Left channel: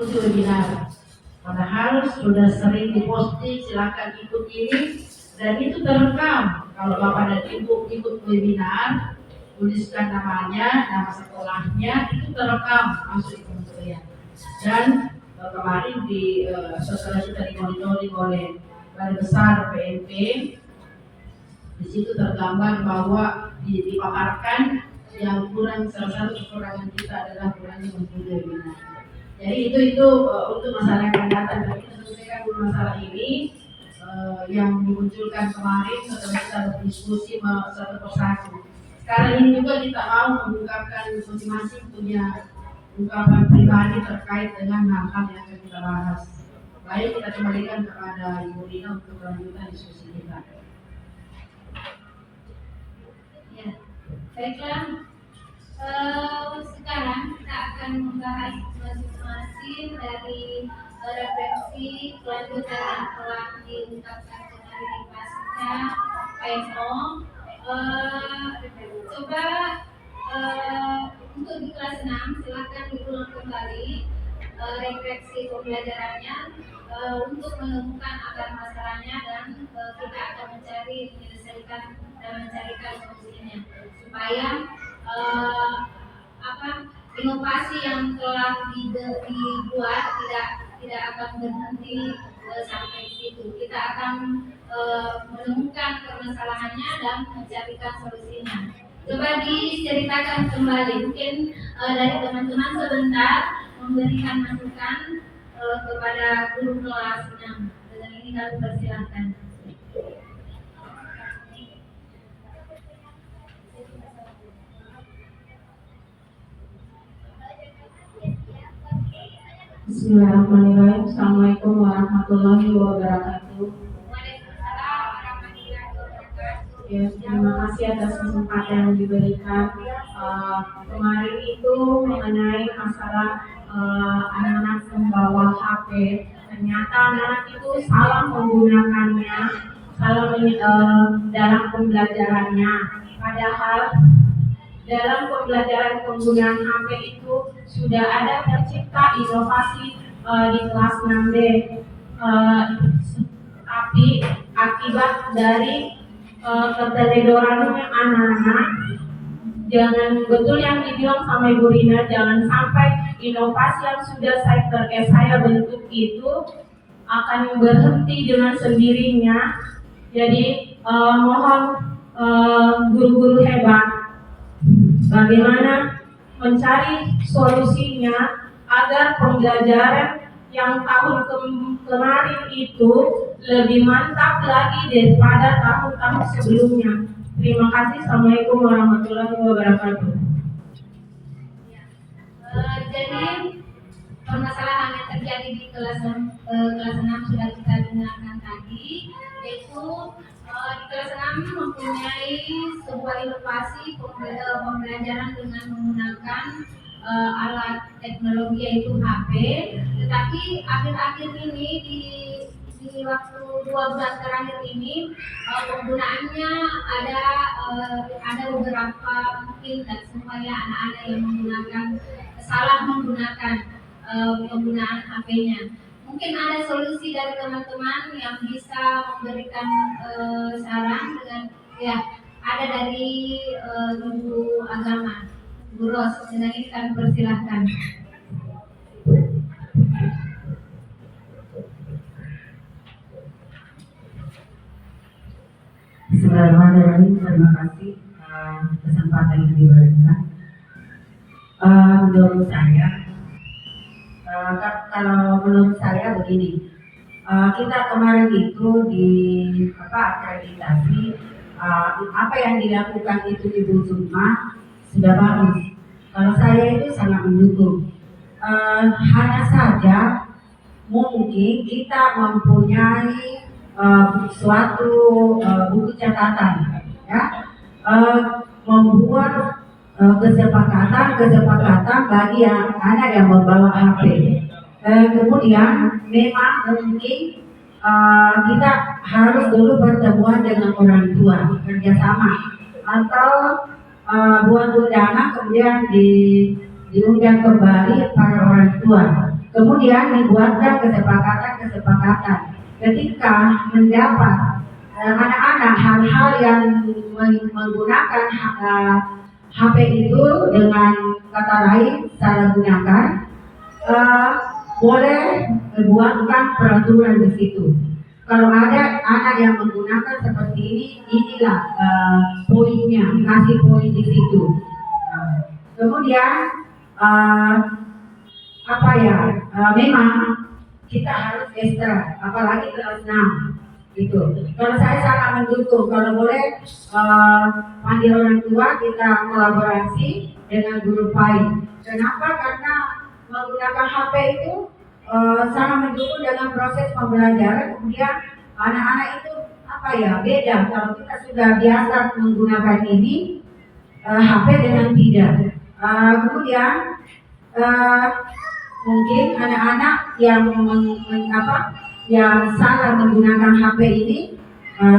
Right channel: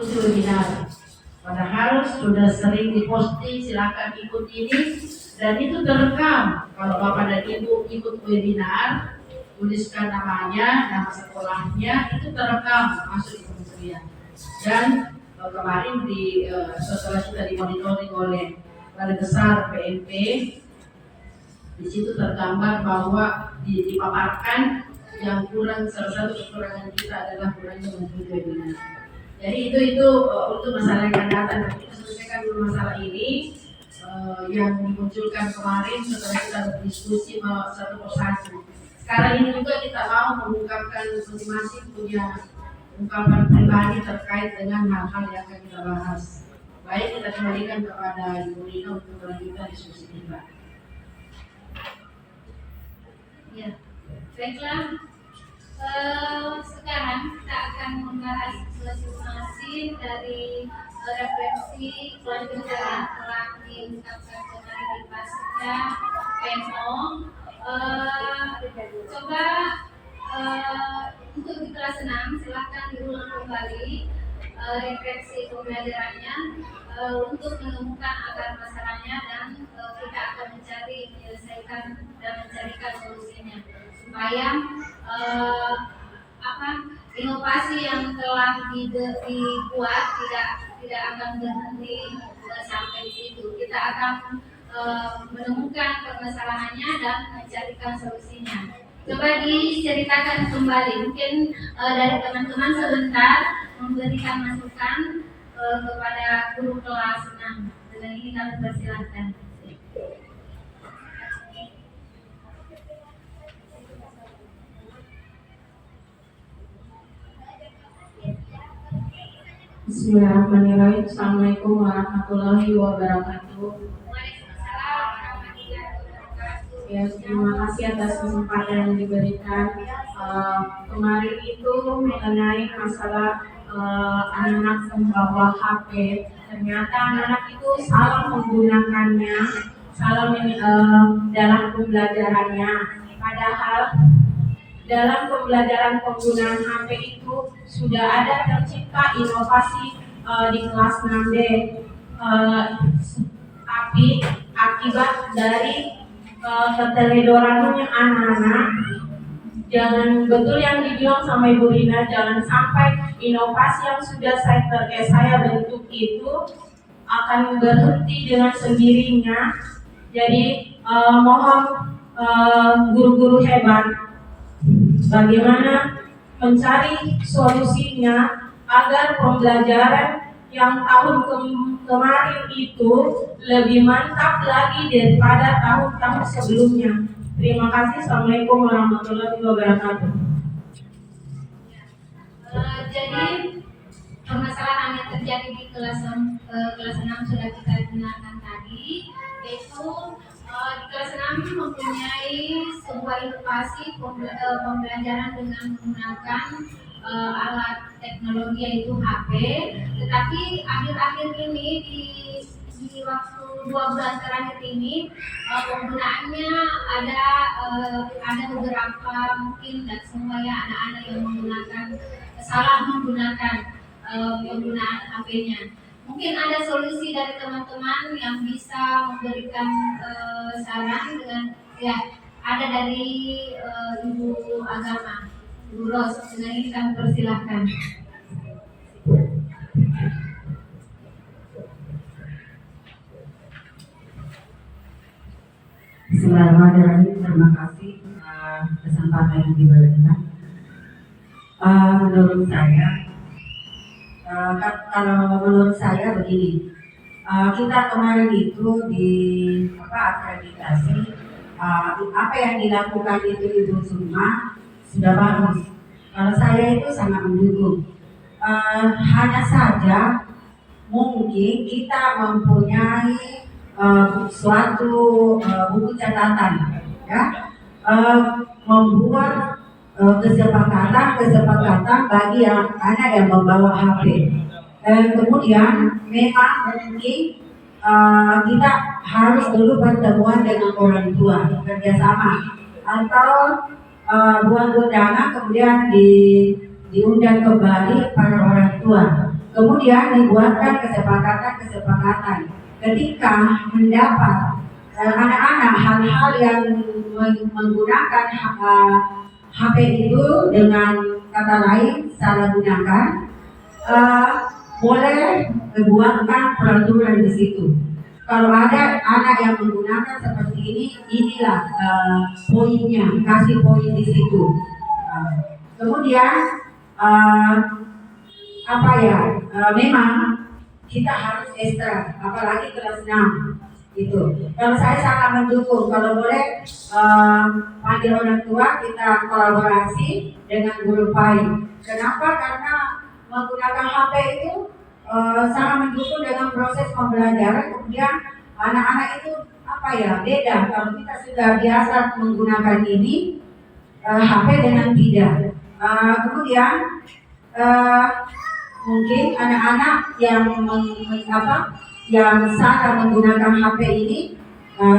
ikuti webinar. Padahal sudah sering diposting, silakan ikut ini dan itu terekam. Kalau Bapak dan Ibu ikut webinar, tuliskan namanya, nama sekolahnya, itu terekam masuk di kementerian. Dan kemarin setelah kita dimonitoring oleh Balai Besar PNP, di situ tergambar bahwa dipaparkan yang kurang, salah satu kekurangan kita adalah kurangnya mengikuti webinar. Jadi itu untuk masalah yang akan datang. Dan kita selesaikan dulu masalah ini yang dimunculkan kemarin setelah kita berdiskusi satu persatu. Sekarang ini juga kita mau mengungkapkan masing-masing punya ungkapan pribadi terkait dengan hal-hal yang akan kita bahas. Baik, kita kembalikan kepada Ibu Rina untuk melanjutkan diskusi kita. Ya, baiklah. Sekarang kita akan membahas masing-masing dari referensi kelanjutan yang telah diungkapkan kemarin di pasca PNO. Coba untuk di kelas 6 silakan diulang kembali refleksi pembelajarannya untuk menemukan akar masalahnya dan kita akan menyelesaikan dan mencarikan solusinya supaya inovasi yang telah dibuat tidak akan berhenti sampai situ. Kita akan menemukan permasalahannya dan mencarikan solusinya. Coba diceritakan kembali, mungkin dari teman-teman sebentar memberikan masukan kepada guru kelas 6. Dengan ini kami persilahkan. Bismillahirrahmanirrahim. Assalamualaikum warahmatullahi wabarakatuh. Waalaikumsalam warahmatullahi wabarakatuh. Ya, terima kasih atas kesempatan yang diberikan. Kemarin itu mengenai masalah anak-anak membawa HP. Ternyata anak-anak itu salah menggunakannya, dalam pembelajarannya. Padahal dalam pembelajaran penggunaan HP itu sudah ada tercipta inovasi di kelas 6D. Tapi akibat dari keteledorannya anak-anak, jangan betul yang dibilang sama Ibu Rina, jangan sampai inovasi yang sudah saya bentuk itu akan berhenti dengan sendirinya. Jadi mohon guru-guru hebat, bagaimana mencari solusinya agar pembelajaran yang tahun kemarin itu lebih mantap lagi daripada tahun-tahun sebelumnya. Terima kasih. Assalamualaikum warahmatullahi wabarakatuh. Jadi permasalahan yang terjadi di kelas 6 sudah kita dengarkan tadi, yaitu di kelas 6 mempunyai sebuah inovasi pembelajaran dengan menggunakan alat teknologi yaitu HP, tetapi akhir-akhir ini di waktu 2 bulan terakhir ini penggunaannya ada beberapa mungkin dan supaya anak-anak yang salah menggunakan penggunaan HP-nya. Mungkin ada solusi dari teman-teman yang bisa memberikan saran dengan ada dari Ibu Agama, Ibu Ros. Dengan ini kami persilahkan. Bismillahirrahmanirrahim. Terima kasih kesempatan yang diberikan. Menurut saya begini, kita kemarin itu di akreditasi, apa yang dilakukan itu Ibu Sukma sudah bagus. Kalau saya itu sangat mendukung. Hanya saja mungkin kita mempunyai suatu buku catatan, ya, membuat kesepakatan bagi anak yang membawa HP. Kemudian memang mungkin kita harus dulu pertemuan dengan orang tua, kerjasama, atau buat undangan kemudian diundang kembali para orang tua. Kemudian dibuatkan kesepakatan-kesepakatan ketika mendapat anak-anak hal-hal yang menggunakan HP itu dengan kata lain salah gunakan, boleh membuatkan peraturan di situ. Kalau ada anak yang menggunakan seperti ini, inilah poinnya, kasih poin di situ. Kemudian memang kita harus ekstra, apalagi kelas 6 gitu. Kalau saya sangat mendukung, kalau boleh panggil orang tua, kita kolaborasi dengan guru PAI. Kenapa? Karena menggunakan HP itu sangat mendukung dengan proses pembelajaran. Kemudian anak-anak itu beda kalau kita sudah biasa menggunakan ini HP dengan tidak. Kemudian mungkin anak-anak yang yang salah menggunakan HP ini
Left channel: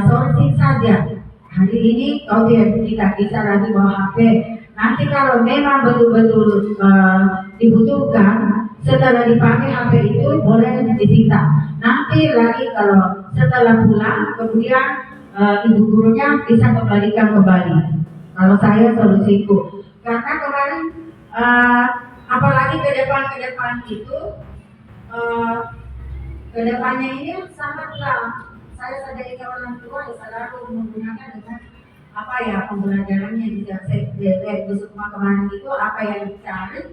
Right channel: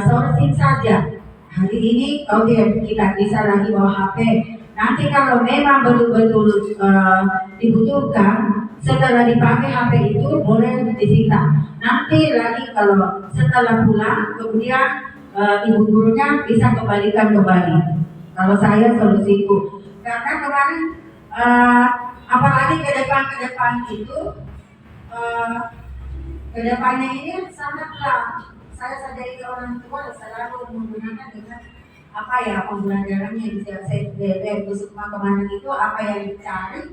sourcing saja. Hari ini kita bisa lagi bawa HP. Nanti kalau memang betul-betul dibutuhkan, setelah dipakai HP itu boleh disita. Nanti lagi kalau setelah pulang, kemudian ibu gurunya bisa kembalikan kembali. Kalau saya solusiku, karena kemarin apalagi ke depan itu kedepannya ini sangatlah, saya sadari ke orang tua selalu menggunakan dengan pembelajarannya di Bu Sukma kemarin itu apa yang dicari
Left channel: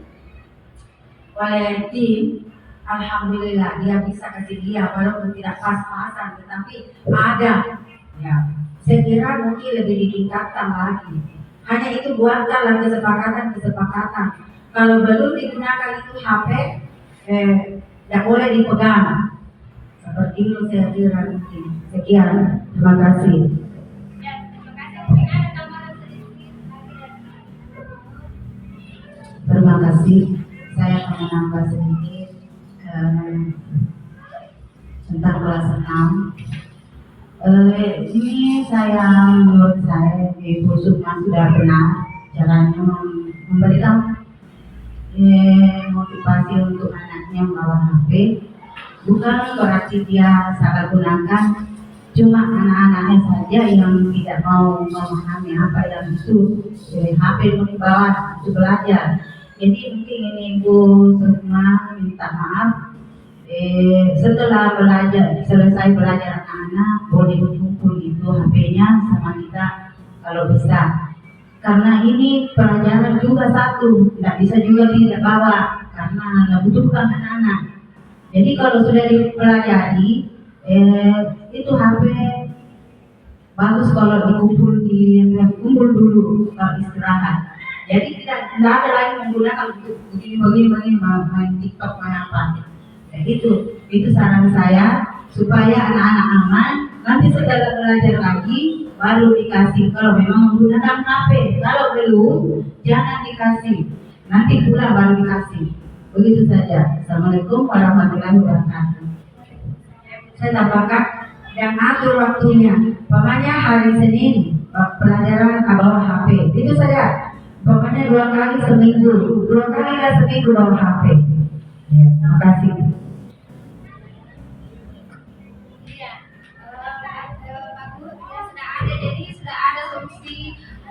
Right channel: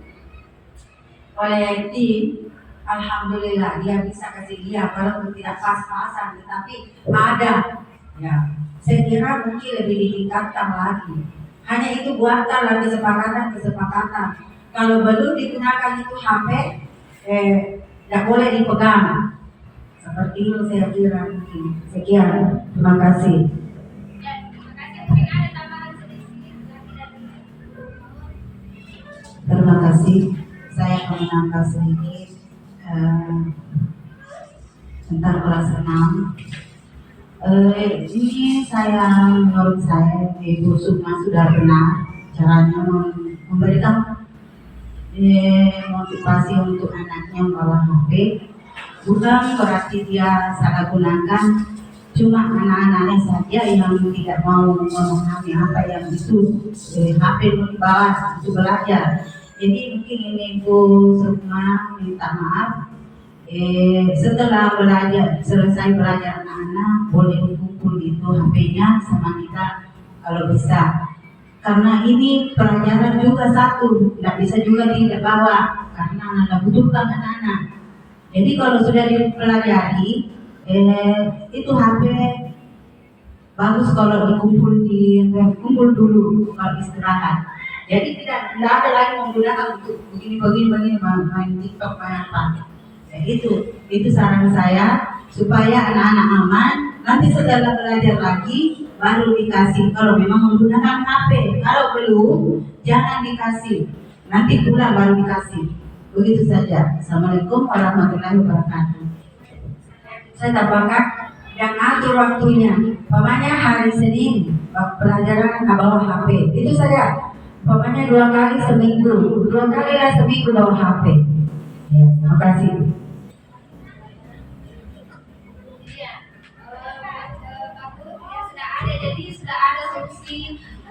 oleh tim. Alhamdulillah dia bisa kasih dia walaupun tidak pas-pasan, tetapi ada. Ya, saya kira mungkin lebih ditingkatkan lagi. Hanya itu buatkanlah kesepakatan. Kalau belum digunakan itu HP, tidak boleh dipegang. Seperti itu saya kira mungkin. Sekian, terima kasih. Ya, terima kasih. Mungkin ada tambahan sedikit lagi dari Terima kasih. Saya akan menambah sedikit tentang kelas 6. Ini menurut saya Ibu Sukma sudah benar caranya memberikan motivasi untuk anaknya membawa HP. Bukan berarti dia salah gunakan, cuma anak-anaknya saja yang tidak mau memahami apa yang itu HP mau dibawa untuk belajar. Jadi mungkin ini Bu Sukma minta maaf. Setelah selesai belajar anak-anak boleh berkumpul itu HP-nya sama kita kalau bisa. Karena ini pelajaran juga satu, tidak bisa juga tidak bawa karena membutuhkan anak-anak. Jadi kalau sudah dipelajari, itu HP bagus kalau kumpul dulu kalau istirahat. Jadi tidak ada lagi menggunakan untuk begini main TikTok main apa. Ya, itu saran saya supaya anak-anak aman. Nanti setelah belajar lagi baru dikasih kalau memang menggunakan HP. Kalau belum jangan dikasih. Nanti pulang baru dikasih. Begitu saja. Assalamualaikum warahmatullahi wabarakatuh. Saya tambahkan yang atur waktunya. Pokoknya hari Senin pelajaran bawa HP. Itu saja. Pokoknya 2 kali seminggu. 2 kali lah seminggu bawa HP. Ya, terima kasih. Jadi sudah ada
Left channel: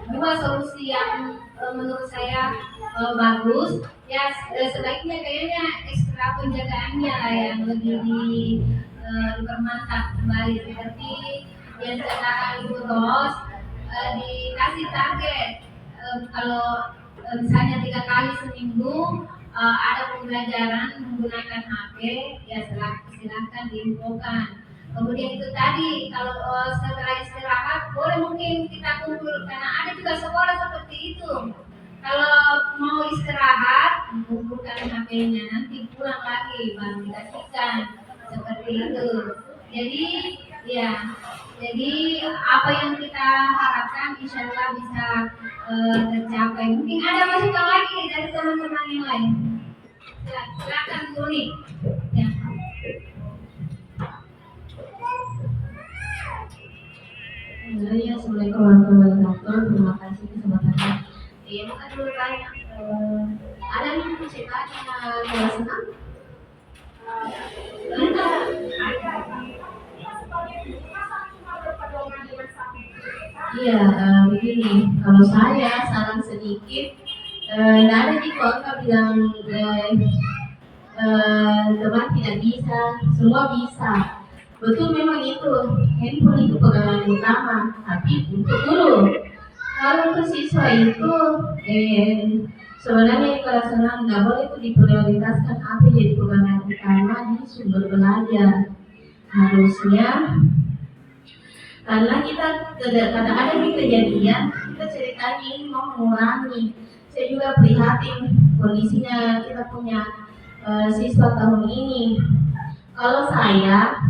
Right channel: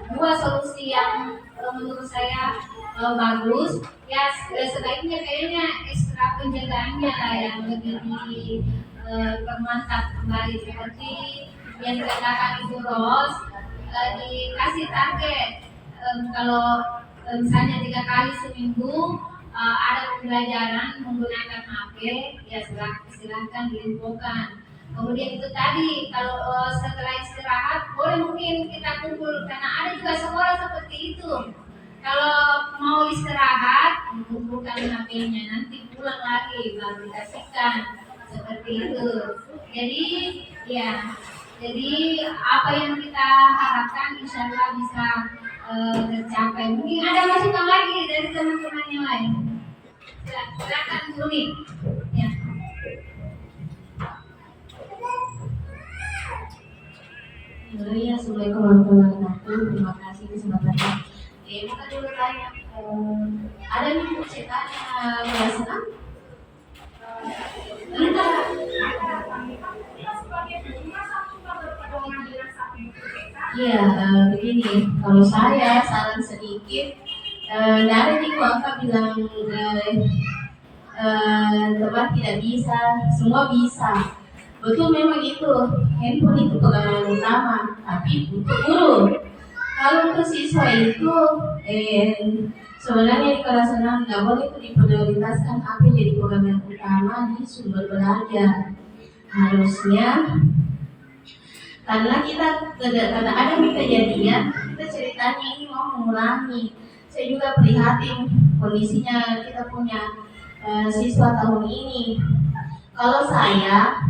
dua solusi yang menurut saya bagus. Ya sebaiknya kayaknya ekstra penjagaannya lah yang lebih dipermantap kembali, seperti yang dikatakan Ibu Ros, dikasih target. Kalau misalnya 3 kali seminggu ada pembelajaran menggunakan HP, ya silahkan diinfokan. Kemudian itu tadi kalau setelah istirahat boleh mungkin kita kumpul, karena ada juga sekolah seperti itu. Kalau mau istirahat kumpulkan HP-nya, nanti pulang lagi baru dikasihkan, seperti itu. Jadi apa yang kita harapkan insya Allah bisa tercapai. Mungkin ada masukan lagi dari teman-teman yang lain. Silakan Tuni. Ya. Assalamualaikum warahmatullahi wabarakatuh. Terima kasih kesempatannya. Mungkin dulu tanya, ada nih ceritanya kelas 6 Iya, begini, kalau saya saran sedikit, nggak ada di angka bilang teman tidak bisa, semua bisa. Betul memang itu, handphone itu pegangan utama, tapi untuk guru. Kalau untuk siswa itu, sebenarnya di kelas 6 nggak boleh itu diprioritaskan HP jadi pegangan utama di sumber belajar. Harusnya karena karena ada kejadian kita ceritanya ini mau mengurangi. Saya juga prihatin kondisinya kita punya siswa tahun ini. Kalau saya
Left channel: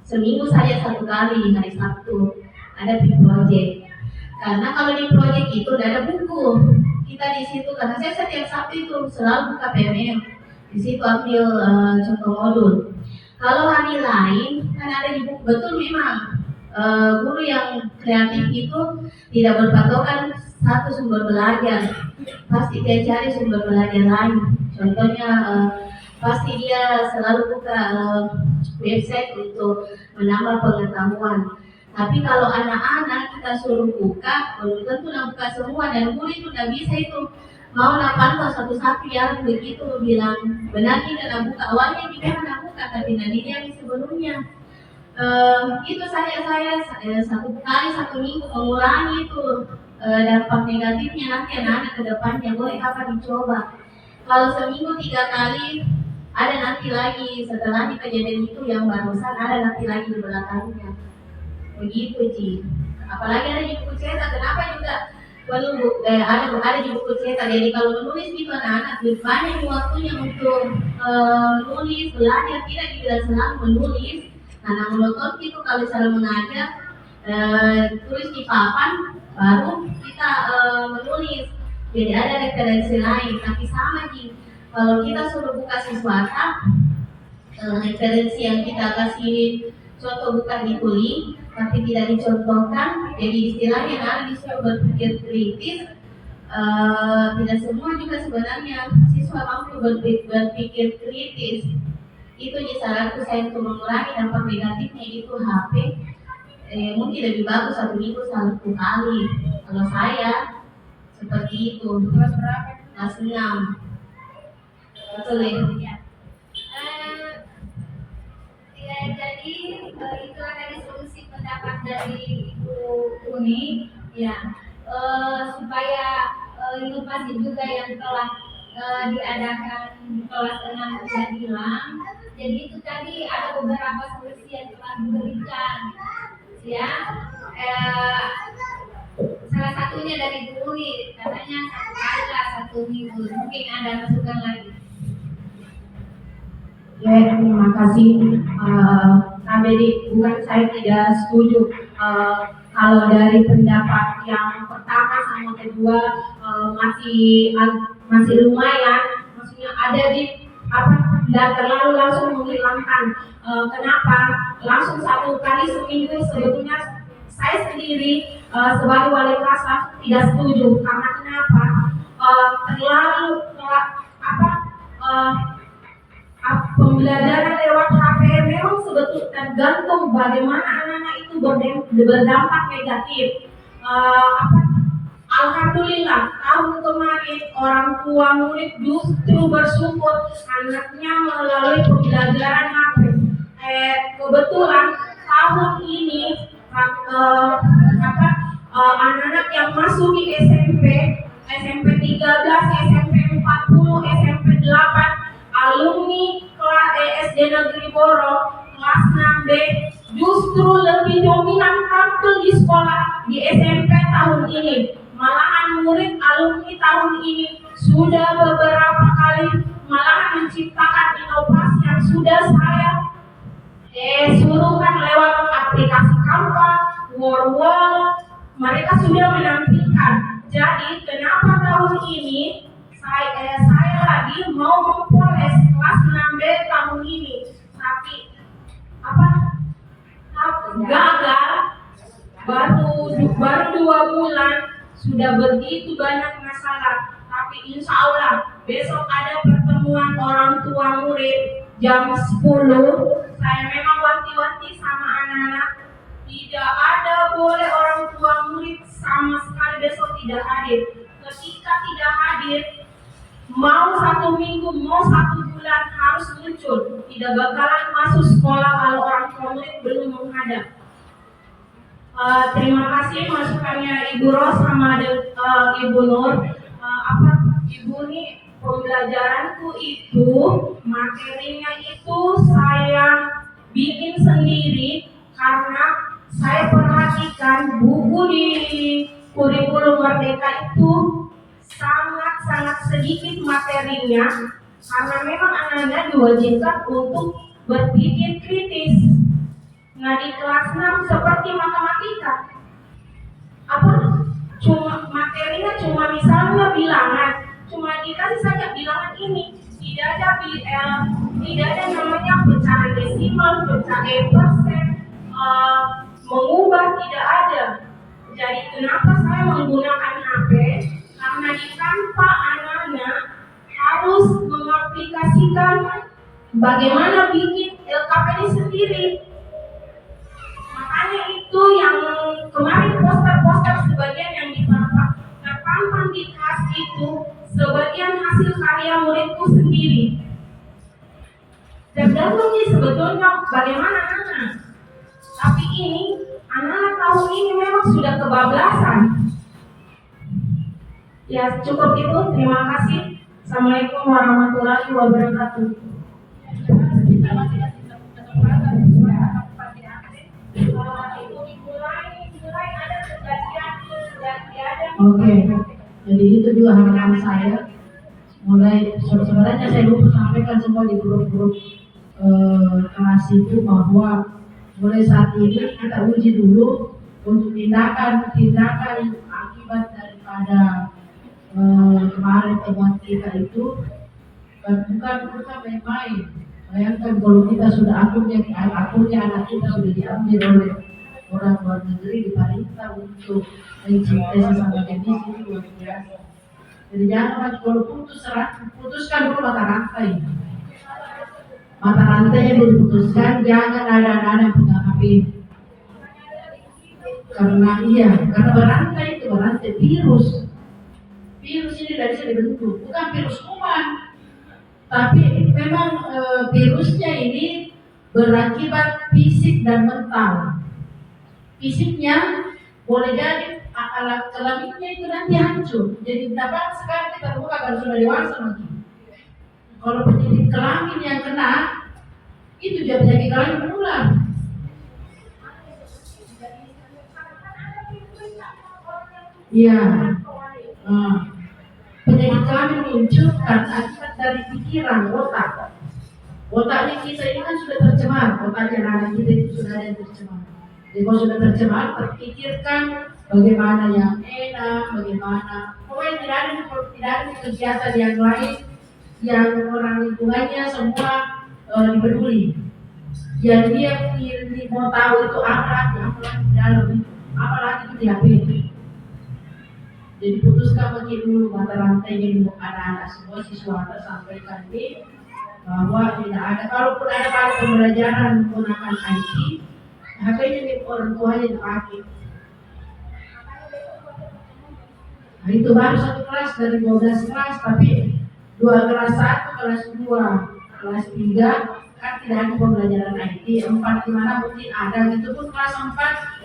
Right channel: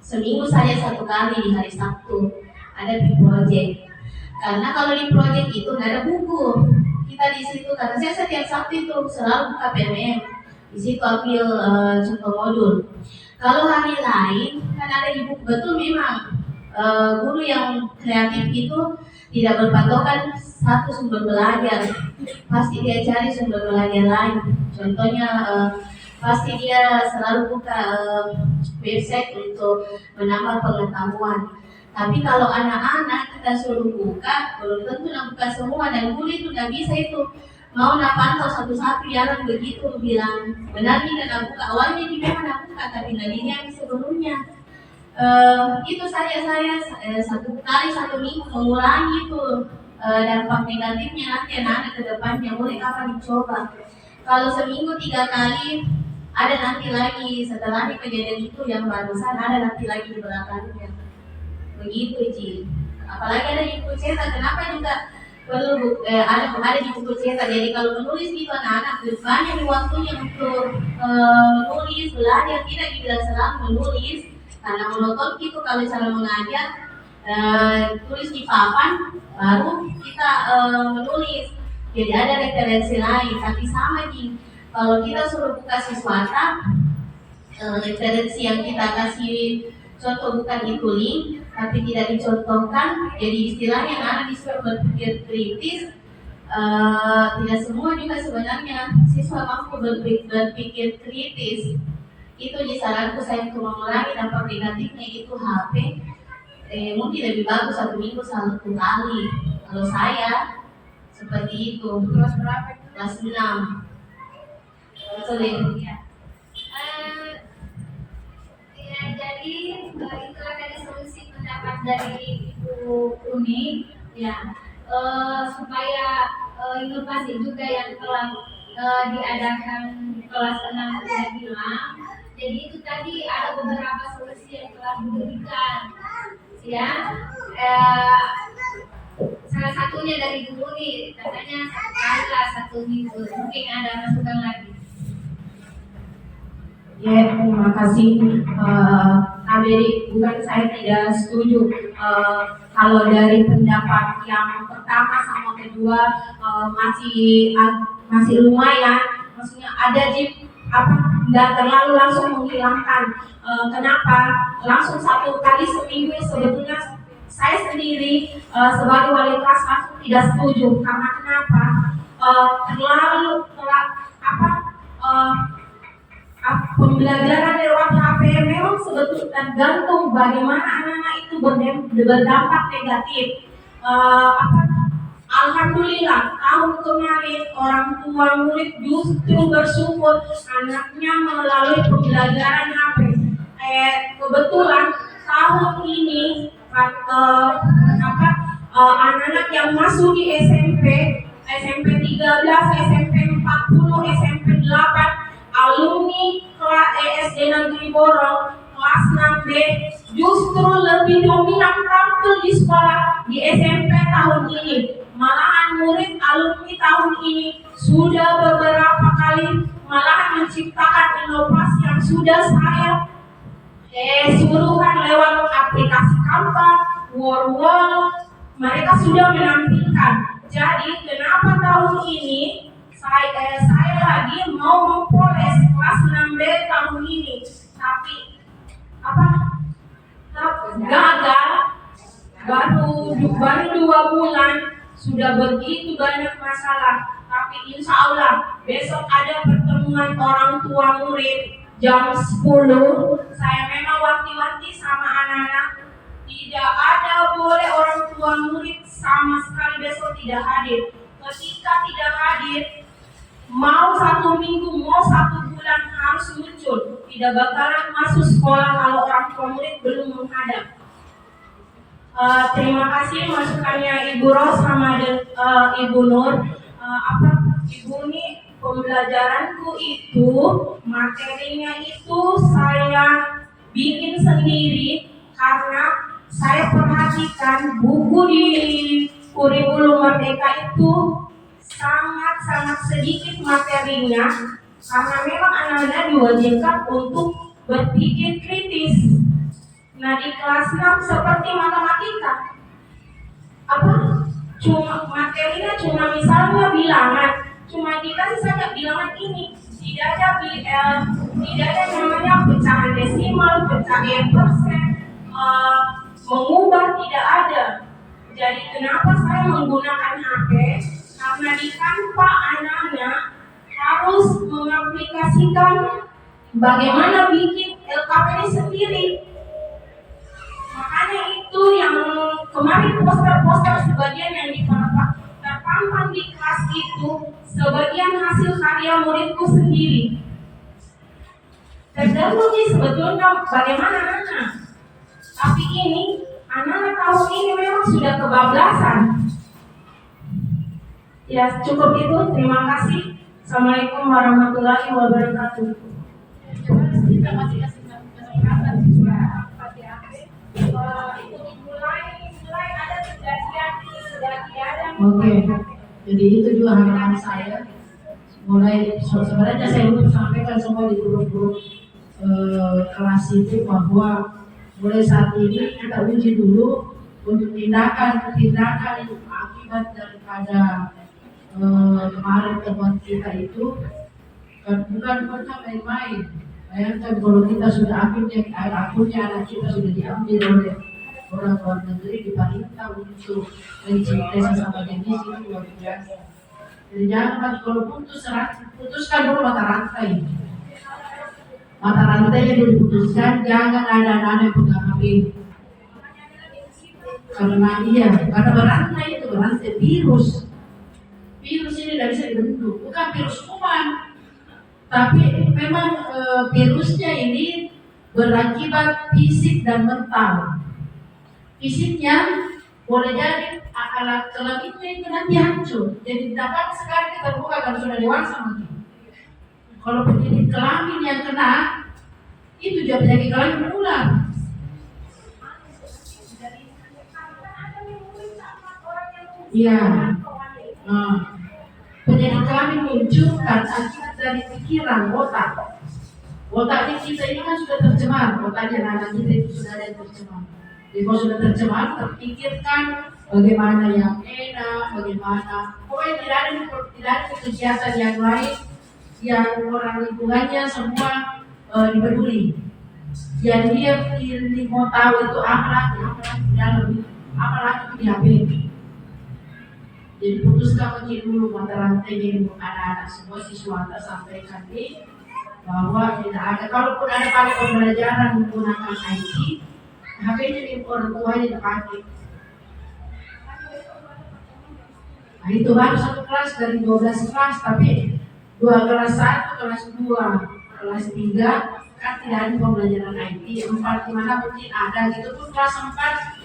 seminggu saja 1 kali di hari Sabtu ada di project. Karena kalau di project itu tidak ada buku. Kita di situ karena saya setiap Sabtu itu selalu buka PMM. Di situ ambil contoh modul. Kalau hari lain kan ada di buku, betul memang guru yang kreatif itu tidak berpatokan satu sumber belajar, pasti dia cari sumber belajar lain. Contohnya pasti dia selalu buka website untuk menambah pengetahuan. Tapi kalau anak-anak kita suruh buka, belum tentu nak buka semua, dan guru itu tidak bisa itu mau nak pantau satu-satu, jarang begitu bilang benar tidak nak buka. Awalnya dia nak buka, tapi nanti yang sebelumnya. Itu saja saya 1 kali 1 minggu mengurangi itu dampak negatifnya nanti anak-anak ke depannya boleh apa dicoba. Kalau seminggu 3 kali ada nanti lagi setelah kejadian itu yang barusan ada nanti lagi di belakangnya. Begitu Ci. Apalagi ada di buku cetak, kenapa juga perlu ada di buku cetak. Jadi kalau menulis itu anak-anak banyak waktunya untuk nulis, belajar, tidak dibilang selalu menulis. Karena monoton itu kalau cara mengajar tulis di papan baru kita menulis. Jadi ada referensi lain, tapi sama Ji. Kalau kita suruh buka siswata, referensi yang kita kasih contoh bukan itu link, tapi tidak dicontohkan. Jadi istilahnya anak disuruh berpikir kritis. Tidak semua juga sebenarnya siswa mampu berpikir kritis. Itu saranku saya untuk mengurangi dampak negatifnya itu HP. Mungkin lebih bagus 1 minggu 1 kali. Kalau saya seperti itu. Kelas berapa? Kelas 6. Betul ya? Ya, jadi itulah tadi solusi pendapat dari Ibu Uni, ya, supaya inovasi juga yang telah diadakan di kelas 6 sudah bilang. Jadi itu tadi ada beberapa solusi yang telah diberikan, ya. Salah satunya dari Ibu Uni, katanya 1 kali lah 1 minggu. Mungkin ada masukan lagi. Ya, terima kasih. Jadi bukan saya tidak setuju. Kalau dari pendapat yang pertama sama kedua masih lumayan, maksudnya ada tidak terlalu langsung menghilangkan. Kenapa? Langsung 1 kali seminggu sebetulnya saya sendiri sebagai wali kelas langsung tidak setuju. Karena kenapa? Pembelajaran lewat HP memang sebetulnya tergantung bagaimana anak-anak itu berdampak negatif. Alhamdulillah tahun kemarin orang tua murid justru bersyukur anaknya melalui pembelajaran HP. Kebetulan tahun ini anak-anak yang masuk di SMP 13, SMP 40, SMP 8 alumni SD Negeri Borong kelas 6B justru lebih dominan tampil di sekolah di SMP tahun ini. Malahan murid alumni tahun ini sudah beberapa kali malahan menciptakan inovasi yang sudah saya suruhkan lewat aplikasi Canva, Word, mereka sudah menampilkan. Jadi kenapa tahun ini saya lagi mau mempoles kelas 6B tahun ini, tapi gagal. Baru 2 bulan sudah begitu banyak masalah. Tapi insya Allah besok ada pertemuan orang tua murid jam 10. Saya memang wanti-wanti sama anak-anak Tidak ada boleh orang tua murid sama sekali besok tidak hadir. Ketika tidak hadir, mau 1 minggu, mau 1 bulan harus muncul. Tidak bakalan masuk sekolah kalau orang tua murid belum menghadap. Terima kasih masukannya Ibu Ros sama Ibu Nur. Ibu ini pembelajaranku itu materinya itu saya bikin sendiri karena saya perhatikan buku di kurikulum Merdeka itu sangat sedikit materinya karena memang anak-anak diwajibkan untuk berpikir kritis. Nah di kelas 6 seperti matematika materinya cuma misalnya bilangan, cuma dikasih saja bilangan ini, tidak ada namanya pecahan desimal, pecahan persen, mengubah tidak ada. Jadi kenapa saya menggunakan HP? Karena di tanpa anak-anak harus mengaplikasikan bagaimana bikin LKPD sendiri. Makanya itu yang kemarin poster-poster sebagian yang terpampang di kelas itu sebagian hasil karya muridku sendiri. Tergantung sih sebetulnya bagaimana anak. Tapi ini anak-anak tahun ini memang sudah kebablasan. Ya cukup itu, terima kasih. Assalamualaikum warahmatullahi wabarakatuh. Kita masih kasih kesempatan pakai HP. Mulai ada kejadian. Oke, jadi itu juga harapan saya. Mulai sebenarnya saya belum sampaikan semua di grup-grup kelas itu bahwa mulai saat ini kita uji dulu untuk tindakan akibat daripada kemarin temuan kita itu bukan main-main. Bayangkan kalau kita sudah akunnya anak kita sudah diambil oleh orang luar negeri, diperintah untuk mencintai sesama jenis, itu luar biasa. Jadi jangan kalau putuskan dulu mata rantainya dulu diputuskan, jangan ada anak-anak yang pegang HP. Karena berantai virus ini tidak bisa dibentuk, bukan virus kuman. Tapi memang virusnya ini berakibat fisik dan mental. Fisiknya boleh jadi alat kelaminnya itu nanti hancur. Jadi dapat sekali kita buka kalau sudah dewasa mungkin. Kalau penyakit kelamin yang kena itu juga penyakit kelamin menular. Iya. Penyakit kelamin muncul karena akibat dari pikiran otak. Otaknya kita ini kan sudah tercemar, otaknya anak kita itu sudah ada yang tercemar. Jadi kalau sudah tercemar, terpikirkan bagaimana yang enak, bagaimana. Pokoknya tidak ada kegiatan yang lain yang orang lingkungannya semua dipeduli. Yang dia mau tahu itu apalagi di dalam itu, apalagi itu di HP. Jadi putuskan begini dulu mata rantainya untuk anak-anak semua siswa sampaikan bahwa tidak ada, kalaupun ada pada pembelajaran menggunakan IT, HP-nya di orang tuanya dipakai. Nah itu baru 1 kelas dari 12 kelas, tapi 2 kelas 1, kelas 2, kelas 3 kan tidak ada pembelajaran IT. 4 di mana mungkin ada, gitu pun kelas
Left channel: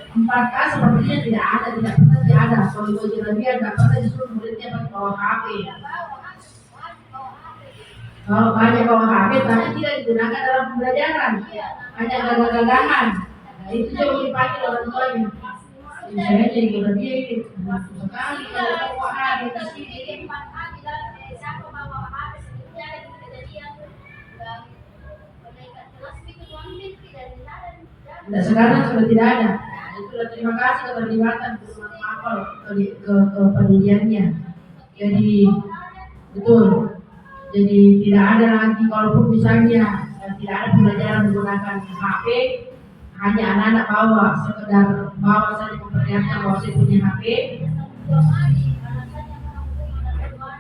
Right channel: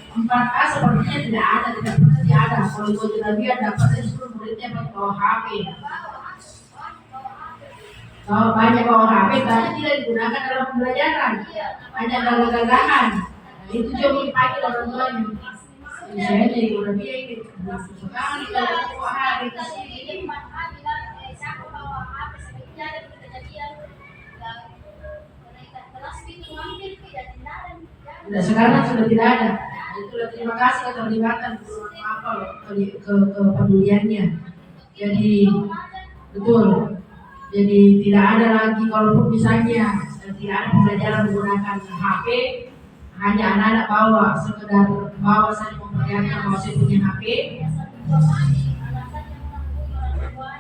4A sepertinya tidak pernah ada. Kalau gue dia dapatnya justru muridnya pakai bawa HP. Kalau banyak bawa HP, tapi tidak digunakan dalam pembelajaran, hanya gagah-gagahan. Nah itu coba dipakai orang tuanya. Saya jadi udah dia ini sekali kalau bawa HP ke sini. Nah sekarang sudah tidak ada. Itulah terima kasih keterlibatan kepeduliannya. Jadi betul. Jadi tidak ada lagi, kalaupun misalnya tidak ada pembelajaran menggunakan HP, hanya anak-anak sekedar bawa saja memperlihatkan bahwa saya punya HP.